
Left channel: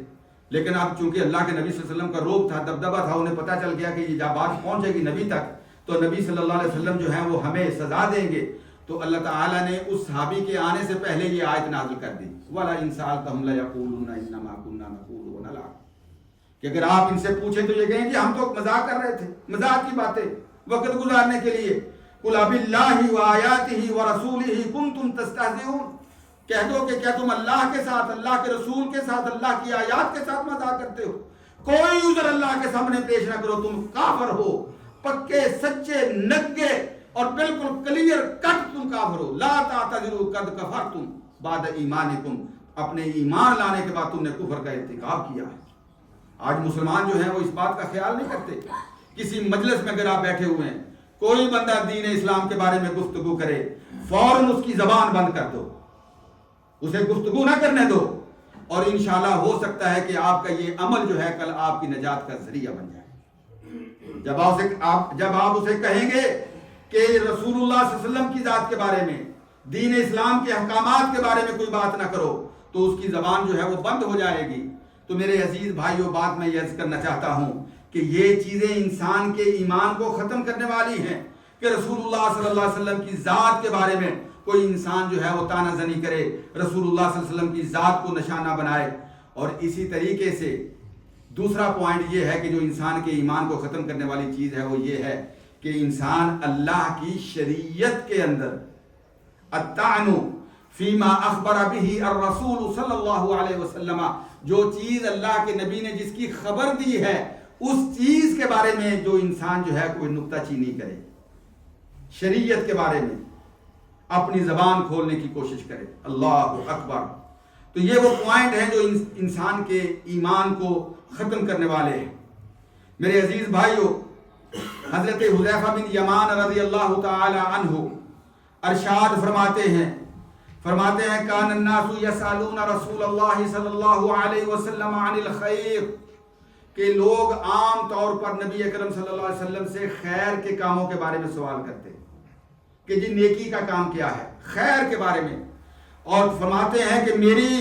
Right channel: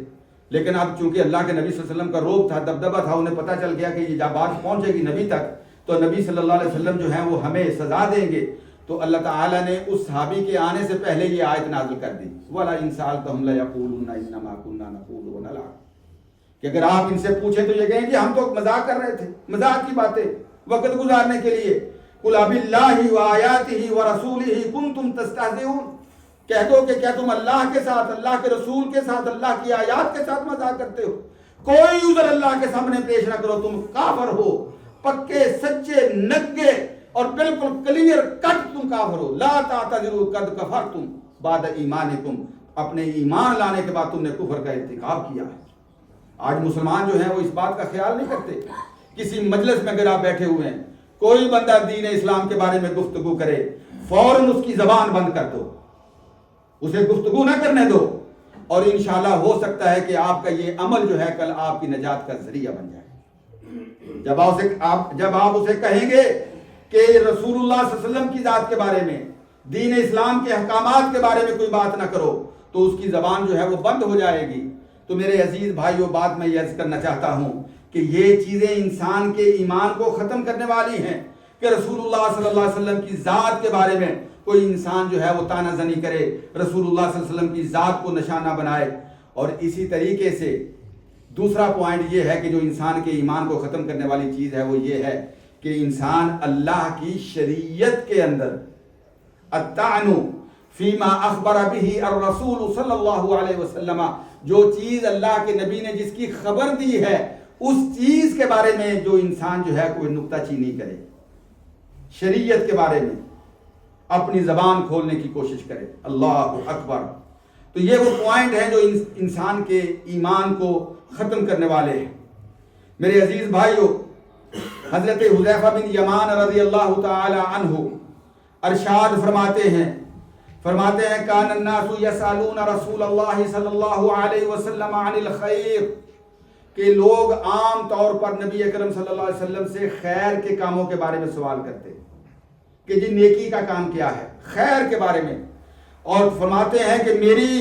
لیکن اب چونکہ اللہ کے نبی صلی اللہ علیہ وسلم کا روب تھا, دبدبہ تھا, انہیں پتہ چل گیا کہ یہ جب بات پہنچے گی نبی تک تو نبی صلی اللہ علیہ وسلم جو ہیں وہ ہمیں سزا دیں گے. تو اللہ تعالیٰ نے اس صحابی کے آنے سے پہلے یہ آیت نازل کر دی, وَلَئِن سَأَلْتَهُمْ لَيَقُولُنَّ إِنَّمَا كُنَّا نَخُوضُ وَنَلْعَبُ, کہ اگر آپ ان سے پوچھیں تو یہ کہیں کہ ہم تو مذاق کر رہے تھے, مذاق کی باتیں وقت گزارنے کے لیے. قُلْ أَبِاللَّهِ وَآيَاتِهِ وَرَسُولِهِ كُنْتُمْ تَسْتَهْزِئُونَ, کہہ دو کہ کیا تم اللہ کے ساتھ, اللہ کے رسول کے ساتھ, اللہ کی آیات کے ساتھ مذاق کرتے ہو. کوئی عذر اللہ کے سامنے پیش نہ کرو, تم کافر ہو, پکے سچے نگے اور بالکل کلیئر کٹ تم کافر ہو. لا تعتذروا قد کفرتم بعد ایمانکم, اپنے ایمان لانے کے بعد تم نے کفر کا ارتکاب کیا ہے. آج مسلمان جو ہیں وہ اس بات کا خیال نہیں کرتے. کسی مجلس میں اگر آپ بیٹھے ہوئے ہیں, کوئی بندہ دین اسلام کے بارے میں گفتگو کرے, فوراً اس کی زبان بند کر دو, اسے گفتگو نہ کرنے دو, اور انشاءاللہ ہو سکتا ہے کہ آپ کا یہ عمل جو ہے کل آپ کی نجات کا ذریعہ بن جائے. جب آپ اسے کہیں گے کہ رسول اللہ صلی اللہ علیہ وسلم کی ذات کے بارے میں, دین اسلام کے احکامات کے بارے میں کوئی بات نہ کرو, تو اس کی زبان جو ہے وہ بند ہو جائے گی. تو میرے عزیز بھائیوں, بات میں یہ عرض کرنا چاہتا ہوں کہ یہ چیزیں انسان کے ایمان کو ختم کرنے والی ہیں کہ رسول اللہ صلی اللہ علیہ وسلم کی ذات کے بارے میں کوئی انسان جو ہے وہ تانا زنی کرے, رسول اللہ صلی اللہ علیہ وسلم کی ذات کو نشانہ بنائے. اور اسی طریقے سے دوسرا پوائنٹ یہ ہے کہ جو انسان کے ایمان کو ختم کرنے والی چیز ہے وہ یہ ہے کہ انسان اللہ کی شریعت کے اندر الطعن فیما اخبر به الرسول صلی اللہ علیہ وسلم, جو چیز اللہ کے نبی نے جس کی خبر دی ہے اس چیز کے بارے میں جو انسان جو ہے کوئی نکتہ چینی کرے, شریعت کے بارے میں اپنی زبان کھولنے کی کوشش کرے. اللہ اکبر. تو یہ وہ پوائنٹ ہیں جو انسان کے ایمان کو ختم کرنے والے ہیں. میرے عزیز بھائیو, حضرت حذیفہ بن یمان رضی اللہ تعالی عنہ ارشاد فرماتے ہیں کان الناس یسالون رسول اللہ صلی اللہ علیہ وسلم عن الخیر, کہ لوگ عام طور پر نبی اکرم صلی اللہ علیہ وسلم سے خیر کے کاموں کے بارے میں سوال کرتے کہ جی نیکی کا کام کیا ہے, خیر کے بارے میں. اور فرماتے ہیں کہ میری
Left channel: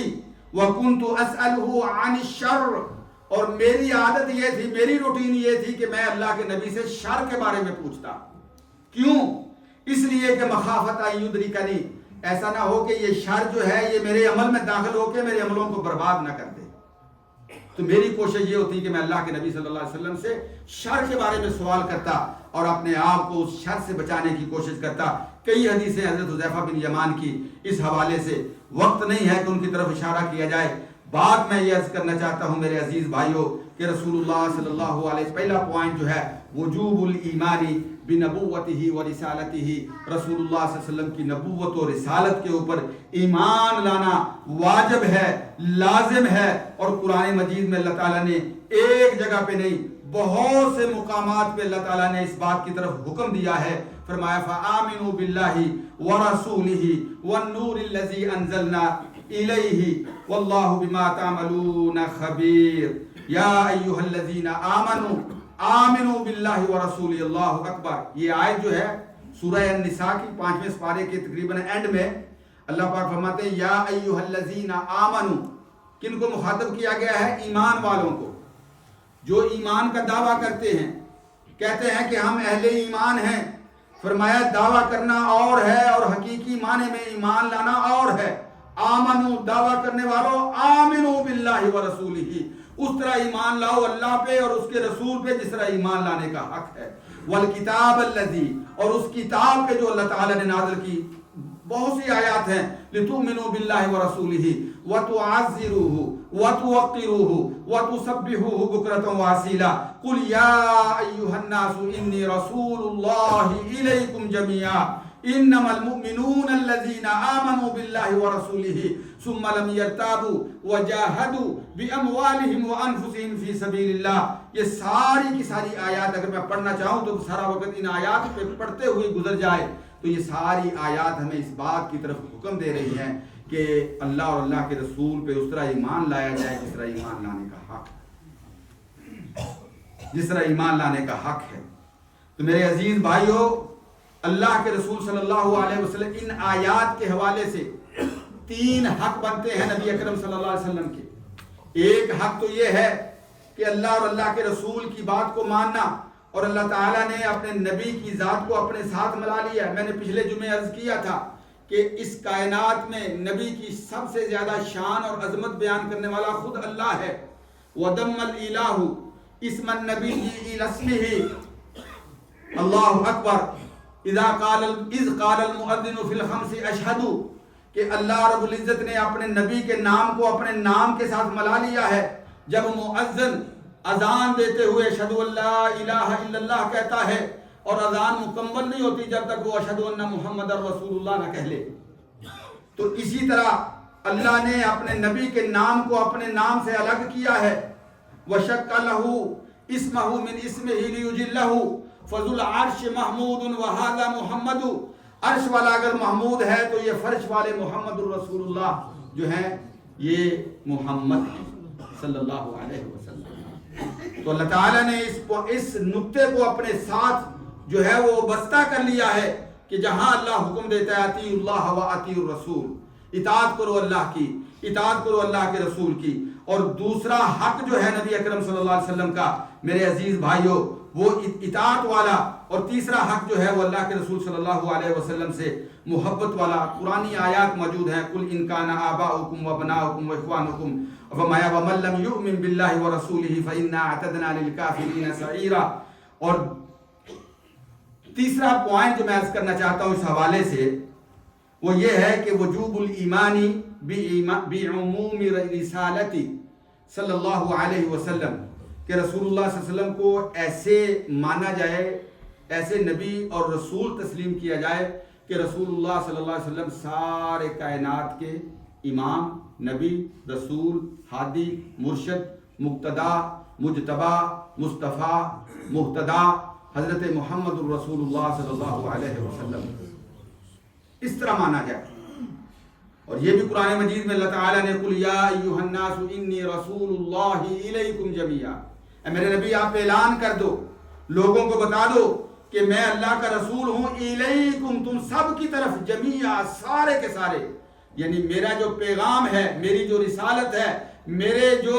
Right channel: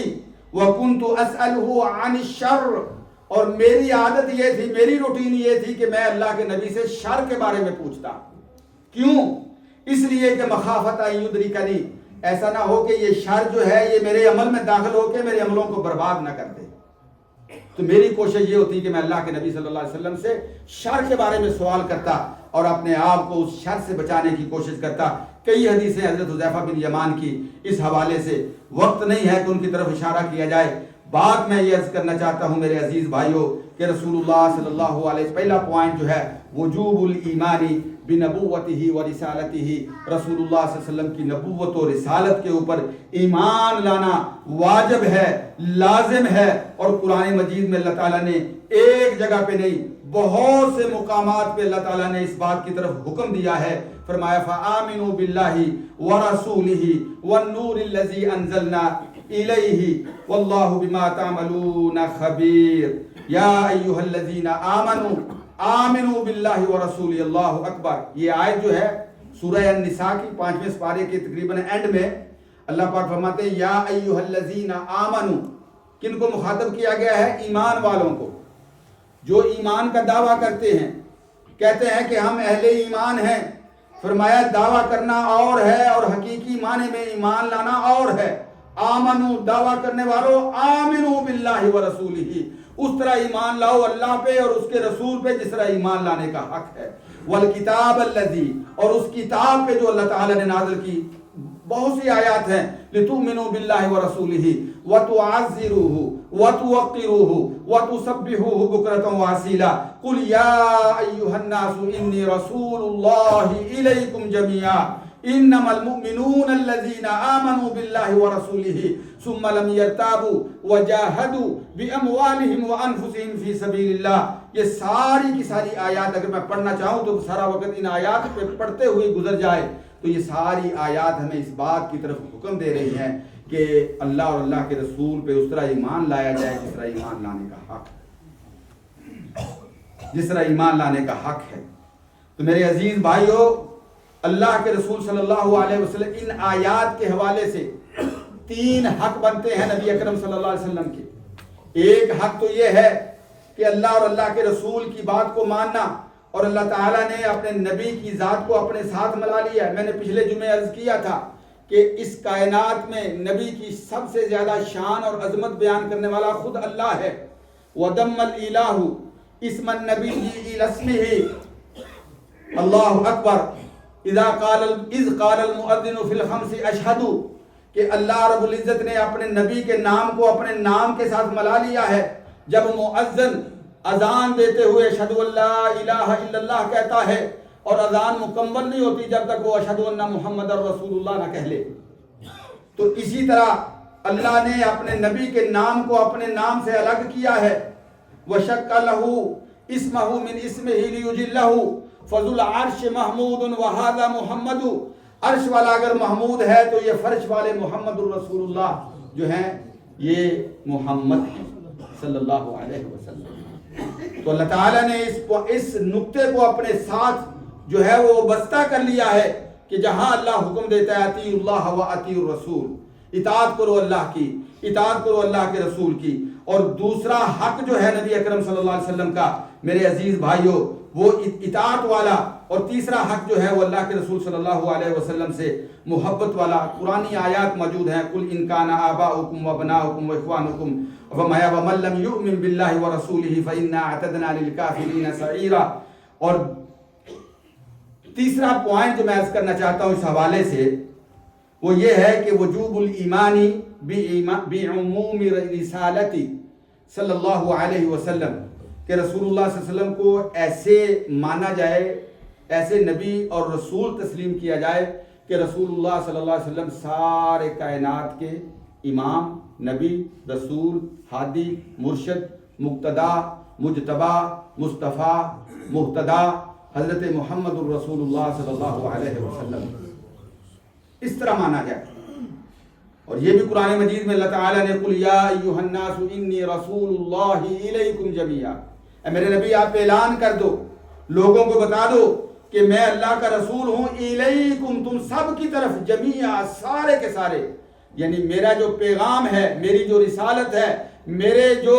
وَكُنْتُ أَسْأَلُهُ عَنِ الشَّرِّ, اور میری عادت یہ تھی, میری روٹین یہ تھی کہ میں اللہ کے نبی سے شر کے بارے میں پوچھتا. کیوں؟ اس لیے کہ مخافت ان یدرکنی, ایسا نہ ہو کہ یہ شر جو ہے یہ میرے عمل میں داخل ہو کے میرے عملوں کو برباد نہ کر دے. تو میری کوشش یہ ہوتی کہ میں اللہ کے نبی صلی اللہ علیہ وسلم سے شر کے بارے میں سوال کرتا اور اپنے آپ کو اس شر سے بچانے کی کوشش کرتا. کئی حدیثیں حضرت حذیفہ بن یمان کی اس حوالے سے, وقت نہیں ہے کہ ان کی طرف اشارہ کیا جائے. بات میں یہ عرض کرنا چاہتا ہوں میرے عزیز بھائیوں کہ رسول اللہ صلی اللہ علیہ وسلم, پہلا پوائنٹ جو ہے وجوب الایمانی بنبوتہ و رسالتہ, رسول اللہ صلی اللہ علیہ وسلم کی نبوت و رسالت کے اوپر ایمان لانا واجب ہے, لازم ہے. اور قرآن مجید میں اللہ تعالیٰ نے ایک جگہ پہ نہیں بہت سے مقامات پہ اللہ تعالیٰ نے اس بات کی طرف حکم دیا ہے. فرمایا فآمنوا باللہ ورسولہ والنور الذی انزلنا إليه والله بما تعملون خبير یا ایھا الذین آمنوا آمنوا باللہ ورسولہ اللہ اکبر. یہ آیت جو ہے سورہ النساء کی 5ویں سپارے کے تقریباً اینڈ میں اللہ پاک فرماتے ہیں یا ایھا الذین آمنوا. کن کو مخاطب کیا گیا ہے؟ ایمان والوں کو، جو ایمان کا دعویٰ کرتے ہیں، کہتے ہیں کہ ہم اہل ایمان ہیں. فرمایا دعویٰ کرنا اور ہے اور حقیقی معنی میں ایمان لانا اور ہے. آمنو دعویٰ کرنے والوں، آمنو باللہ ورسولہ، اس طرح ایمان لاؤ اللہ پہ اور اس کے رسول پہ جس طرح ایمان لانے کا حق ہے. والکتاب الذی، اور اس کتاب پہ جو اللہ تعالیٰ نے نازل کی. بہت سی آیات ہیں لتؤمنوا باللہ ورسولہ وتعزروہ وتوقروہ وتسبحوہ بکرۃ واصیلا. قل یا ایھا الناس انی رسول اللہ الیکم جمیعا انما المؤمنون الذین آمنوا باللہ ورسولہ ثم لم یرتابوا وجاہدوا باموالہم وانفسہم فی سبیل اللہ. یہ ساری کی ساری آیات اگر میں پڑھنا چاہوں تو سارا وقت ان آیات پہ پڑھتے ہوئے گزر جائے. تو یہ ساری آیات ہمیں اس بات کی طرف حکم دے رہی ہیں کہ اللہ اور اللہ کے رسول پہ اس طرح ایمان لایا جائے جس طرح ایمان لانے کا حق ہے، جس طرح ایمان لانے کا حق ہے. تو میرے عزیز بھائیو، اللہ کے رسول صلی اللہ علیہ وسلم ان آیات کے حوالے سے 3 حق بنتے ہیں نبی اکرم صلی اللہ علیہ وسلم کے. ایک حق تو یہ ہے کہ اللہ اور اللہ کے رسول کی بات کو ماننا، اور اللہ تعالیٰ نے اپنے نبی کی ذات کو اپنے ساتھ ملا لیا. میں نے پچھلے جمعے عرض کیا تھا کہ اس کائنات میں نبی کی سب سے زیادہ شان اور عظمت بیان کرنے والا خود اللہ ہے. وَدَمَّ الْإِلَٰهُ اسْمَ النَّبِيِّ إِلَى اسْمِهِ اللہ اکبر اذ قال المؤذن فی الخمس اشہدوا، کہ اللہ رب العزت نے اپنے نبی کے نام کو اپنے نام کے ساتھ ملا لیا ہے. جب مؤذن اذان دیتے ہوئے اشہد ان لا الہ الا اللہ کہتا ہے، اور اذان مکمل نہیں ہوتی جب تک وہ اشہد ان محمد رسول اللہ نہ کہہ لے. تو اسی طرح اللہ نے اپنے نبی کے نام کو اپنے نام سے الگ کیا ہے. وَشَقَّ لَهُ اسْمَهُ مِنْ اسْمِهِ لِيُجِلَّهُ فَذُو الْعَرْشِ مَحْمُودٌ وَهَذَا مُحَمَّدُ. عرش والا اگر محمود ہے تو یہ فرش والے محمد الرسول اللہ جو ہیں یہ محمد صلی اللہ علیہ وسلم. تو اللہ تعالیٰ نے اس نقطے کو اپنے ساتھ جو ہے وہ بستہ کر لیا ہے کہ جہاں اللہ حکم دیتا ہے اطیعوا اللہ و اطیعوا الرسول، اطاعت کرو اللہ کی، اطاعت کرو اللہ کے رسول کی. اور دوسرا حق جو ہے نبی اکرم صلی اللہ علیہ وسلم کا میرے عزیز بھائیوں وہ اطاعت والا، اور تیسرا حق جو ہے وہ اللہ کے رسول صلی اللہ علیہ وسلم سے محبت والا. قرآنی آیات موجود ہیں قل ان کان آباؤکم وابناؤکم واخوانکم ومن لم یؤمن باللہ ورسولہ فإنا اعتدنا للکافرین سعیرا. اور تیسرا پوائنٹ جو میں عرض کرنا چاہتا ہوں اس حوالے سے وہ یہ ہے کہ وجوب الایمانی بعموم رسالتی صلی اللہ علیہ وسلم، کہ رسول اللہ صلی اللہ علیہ وسلم کو ایسے مانا جائے، ایسے نبی اور رسول تسلیم کیا جائے کہ رسول اللہ صلی اللہ علیہ وسلم سارے کائنات کے امام، نبی، رسول، ہادی، مرشد، مقتدا، مجتبی، مصطفیٰ، مہتدا حضرت محمد الرسول اللہ صلی اللہ علیہ وسلم اس طرح مانا جائے. اور یہ بھی قرآن مجید میں اللہ تعالیٰ نے قل یا ایھا الناس انی رسول اللہ الیکم جمیعا، اے میرے نبی آپ اعلان کر دو، لوگوں کو بتا دو کہ میں اللہ کا رسول ہوں، الیکم تم سب کی طرف، جمیعا سارے کے سارے. یعنی میرا جو پیغام ہے، میری جو رسالت ہے، میرے جو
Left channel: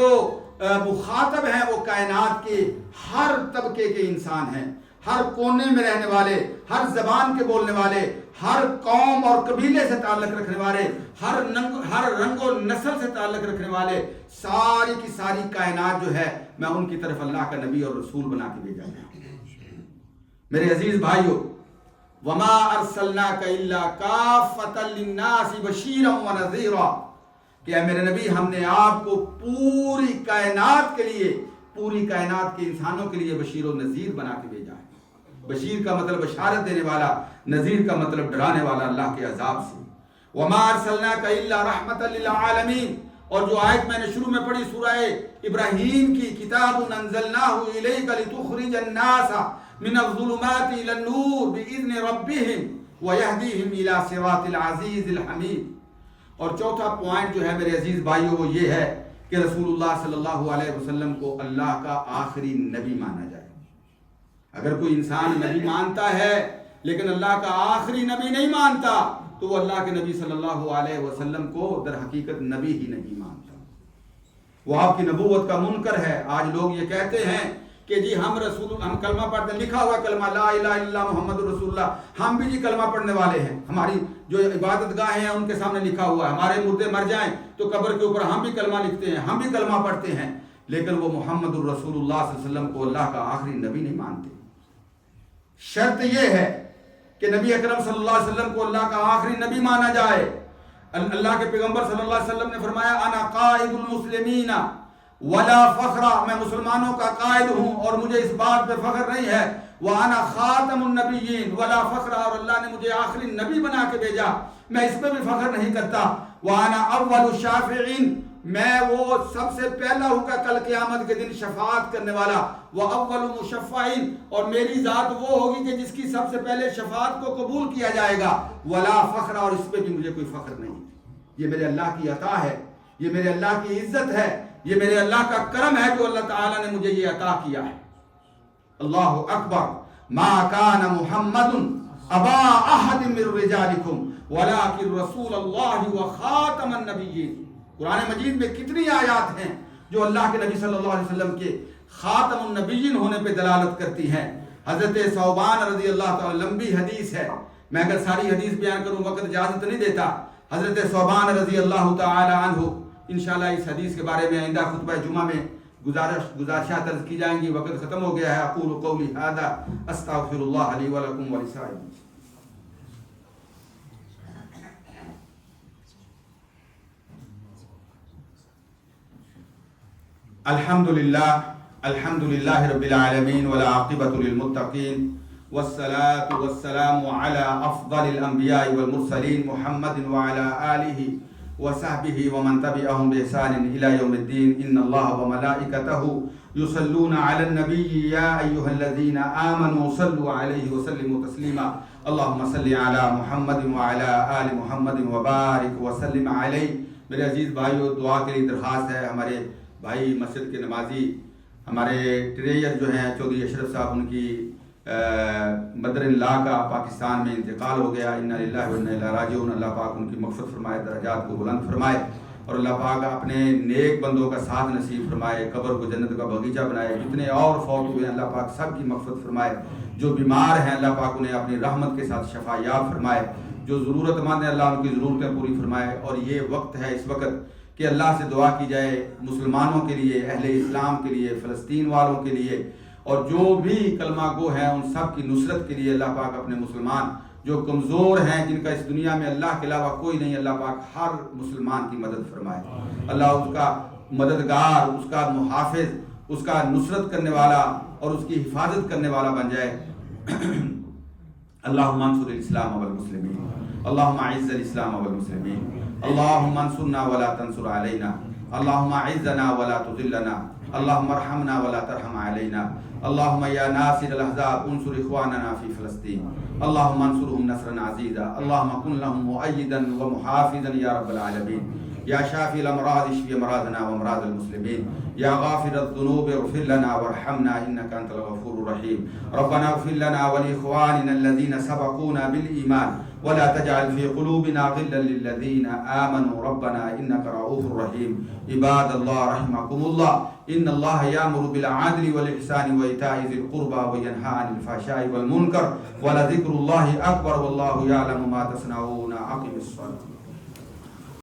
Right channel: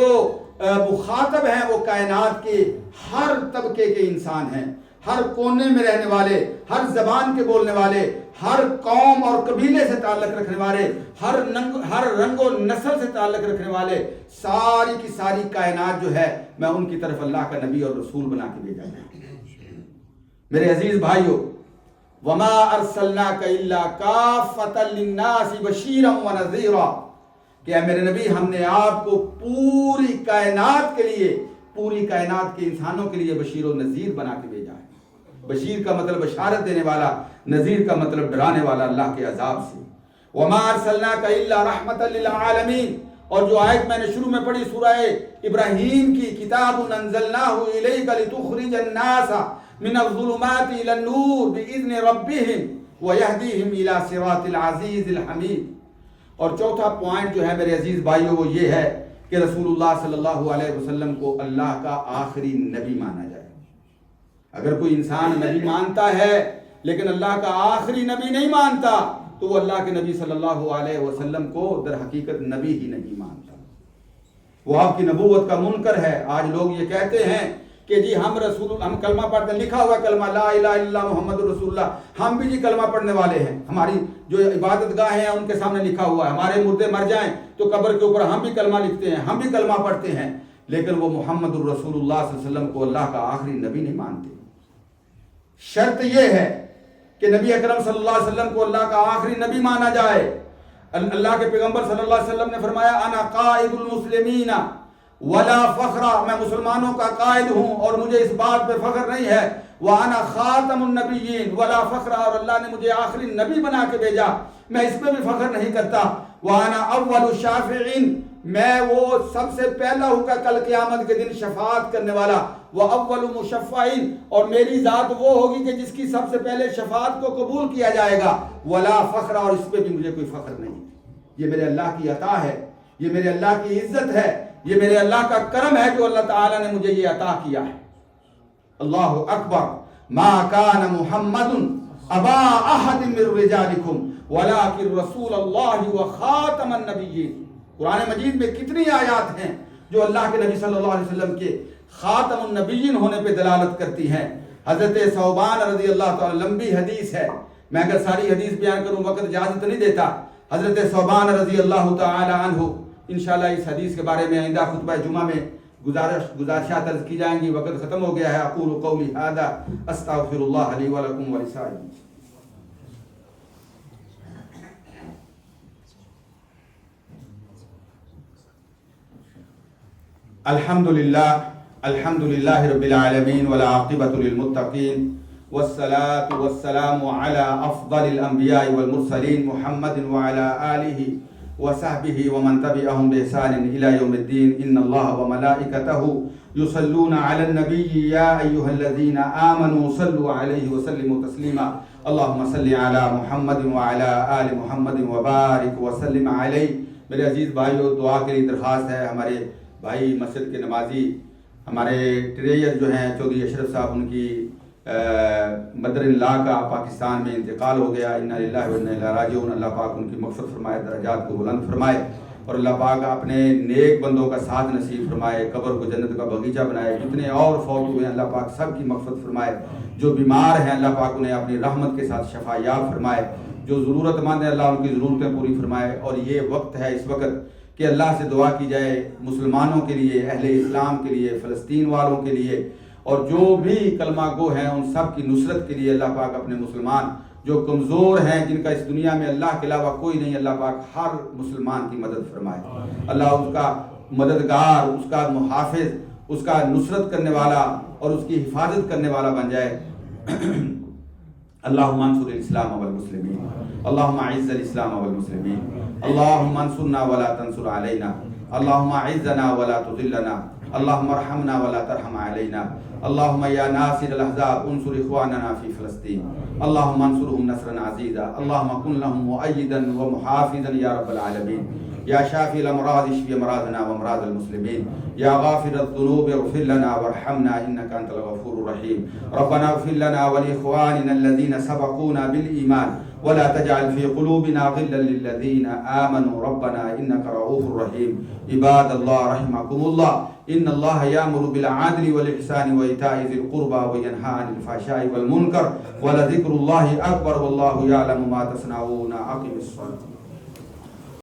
مخاطب ہیں وہ کائنات کے ہر طبقے کے انسان ہیں، ہر کونے میں رہنے والے، ہر زبان کے بولنے والے، ہر قوم اور قبیلے سے تعلق رکھنے والے، ہر رنگ و نسل سے تعلق رکھنے والے، ساری کی ساری کائنات جو ہے میں ان کی طرف اللہ کا نبی اور رسول بنا کے بھیجا ہے. میرے عزیز بھائیو، وما ارسلناک الا کافۃ للناس بشیرا ونذیرا، کہ اے میرے نبی ہم نے آپ کو پوری کائنات کے لیے، پوری کائنات کے انسانوں کے لیے بشیر و نذیر بنا کے بھیجا ہے. بشیر کا مطلب بشارت دینے والا، نذیر کا مطلب ڈرانے والا اللہ کے عذاب سے. وما ارسلناک الا رحمۃ للعالمین، اور جو آیت میں نے شروع میں پڑھی سورہ ابراہیم کی، کتاب انزلناہ الیک لتخرج الناس من الظلمات الى النور باذن ربهم ويهديهم الى صراط العزیز الحمید. اور چوتھا پوائنٹ جو ہے میرے عزیز بھائیوں وہ یہ ہے کہ رسول اللہ صلی اللہ علیہ وسلم کو اللہ کا آخری نبی مانا جائے۔ اگر کوئی انسان نبی مانتا ہے لیکن اللہ کا آخری نبی نہیں مانتا تو وہ اللہ کے نبی صلی اللہ علیہ وسلم کو در حقیقت نبی ہی نہیں مانتا، وہ آپ کی نبوت کا منکر ہے۔ آج لوگ یہ کہتے ہیں کہ جی ہم کلمہ پڑھتے ہیں، لکھا ہوا کلمہ لا الہ الا اللہ محمد رسول اللہ، ہم بھی جی کلمہ پڑھنے والے ہیں، ہماری جو عبادت گاہیں ہیں ان کے سامنے لکھا ہوا ہے، ہمارے مردے مر جائیں تو قبر کے اوپر ہم بھی کلمہ لکھتے ہیں، ہم بھی کلمہ پڑھتے ہیں، لیکن وہ محمد الرسول اللہ صلی اللہ علیہ وسلم کو اللہ کا آخری نبی نہیں مانتے۔ شرط یہ ہے کہ نبی اکرم صلی اللہ علیہ وسلم کو اللہ کا آخری نبی مانا جائے۔ اللہ کے پیغمبر صلی اللہ علیہ وسلم نے فرمایا انا قائد المسلمین ولا فخر، میں مسلمانوں کا قائد ہوں اور مجھے اس بات پہ فخر نہیں ہے، وانا خاتم النبیین ولا فخر، اور اللہ نے مجھے آخری نبی بنا کے بھیجا، میں اس پہ بھی فخر نہیں کرتا، وانا اول الشافعین، میں وہ سب سے پہلا ہوں کہ کل قیامت کے دن شفاعت کرنے والا، واول مشفعین، اور میری ذات وہ ہوگی کہ جس کی سب سے پہلے شفاعت کو قبول کیا جائے گا، ولا فخر، اور اس پہ بھی مجھے کوئی فخر نہیں۔ یہ میرے اللہ کی عطا ہے، یہ میرے اللہ کی عزت ہے، یہ میرے اللہ کا کرم ہے جو اللہ تعالیٰ نے مجھے یہ عطا کیا ہے۔ اللہ اکبر، ما کان محمد ابا احد من رجالکم ولکن رسول اللہ وخاتم النبیین۔ قرآن مجید میں کتنی آیات ہیں جو اللہ کے نبی صلی اللہ علیہ وسلم کے خاتم النبیین ہونے پہ دلالت کرتی ہیں۔ حضرت ثوبان رضی اللہ تعالی، لمبی حدیث ہے، میں اگر ساری حدیث بیان کروں وقت اجازت نہیں دیتا۔ حضرت ثوبان رضی اللہ تعالی عنہ، انشاءاللہ اس حدیث کے بارے میں آئندہ خطبہ جمعہ میں گزارشات عرض کی جائیں گی، وقت ختم ہو گیا ہے۔ اقول قولی ھذا استغفر اللہ لی ولکم ولسائر المسلمین۔ الحمد للہ رب العالمین والعاقبۃ للمتقین والصلاة والسلام على افضل الانبیاء والمرسلین محمد وعلى آلہ وصحبہ ومن تبعهم بإحسان الى یوم الدین۔ ان اللہ وملائکتہ یصلون علی النبی یا ایھا الذین آمنوا صلوا علیہ وسلموا تسلیما۔ اللہم صل علی محمد وعلی آل محمد وبارک وسلم علیہ۔ میرے عزیز بھائیو، دعا کے لیے درخواست ہے، ہمارے بھائی مسجد کے نمازی، ہمارے ٹریجر جو ہیں چودھری اشرف صاحب، ان کی بدر اللہ کا پاکستان میں انتقال ہو گیا، انا للہ و انا الیہ راجعون۔ اللہ پاک ان کی مغفرت فرمائے، درجات کو بلند فرمائے، اور اللہ پاک اپنے نیک بندوں کا ساتھ نصیب فرمائے، قبر کو جنت کا باغیچہ بنائے۔ جتنے اور فوت ہوئے ہیں اللہ پاک سب کی مغفرت فرمائے، جو بیمار ہیں اللہ پاک انہیں اپنی رحمت کے ساتھ شفا یاب فرمائے، جو ضرورت مند ہیں اللہ ان کی ضرورتیں پوری فرمائے۔ اور یہ وقت ہے اس وقت کہ اللہ سے دعا کی جائے مسلمانوں کے لیے، اہل اسلام کے لیے، فلسطین والوں کے لیے، اور جو بھی کلمہ گو ہیں ان سب کی نصرت کے لیے اللہ پاک اپنے مسلمان جو کمزور ہیں، جن کا اس دنیا میں اللہ کے علاوہ کوئی نہیں، اللہ پاک ہر مسلمان کی مدد فرمائے، اللہ اس کا مددگار، اس کا محافظ، اس کا نصرت کرنے والا اور اس کی حفاظت کرنے والا بن جائے۔ اللہم انصر الاسلام والمسلمین، اللہم اعز الاسلام والمسلمین، اللہم انصرنا ولا تنصر علینا، اللہم اعزنا ولا تذلنا، اللہم ارحمنا ولا ترحم علینا، اللہم یا ناصر الاحزاب انصر اخواننا فی فلسطین، اللہم انصرهم نصرا عزیزا، اللہم کن لهم مؤیدا ومحافظا یا رب العالمین، یا شافی الامراض اشفی امراضنا وامراض المسلمین، یا غافر الذنوب اغفر لنا وارحمنا انک انت الغفور الرحیم، ربنا اغفر لنا ولاخواننا الذین سبقونا بالایمان ولا تجعل في قلوبنا غلا للذين آمنوا ربنا إنك رؤوف رحيم۔ عباد الله رحمكم الله، إن الله يأمر بالعدل والإحسان وإيتاء ذي القربى وينهى عن الفحشاء والمنكر ولذكر الله أكبر والله يعلم ما تصنعون۔ أقم الصلاة۔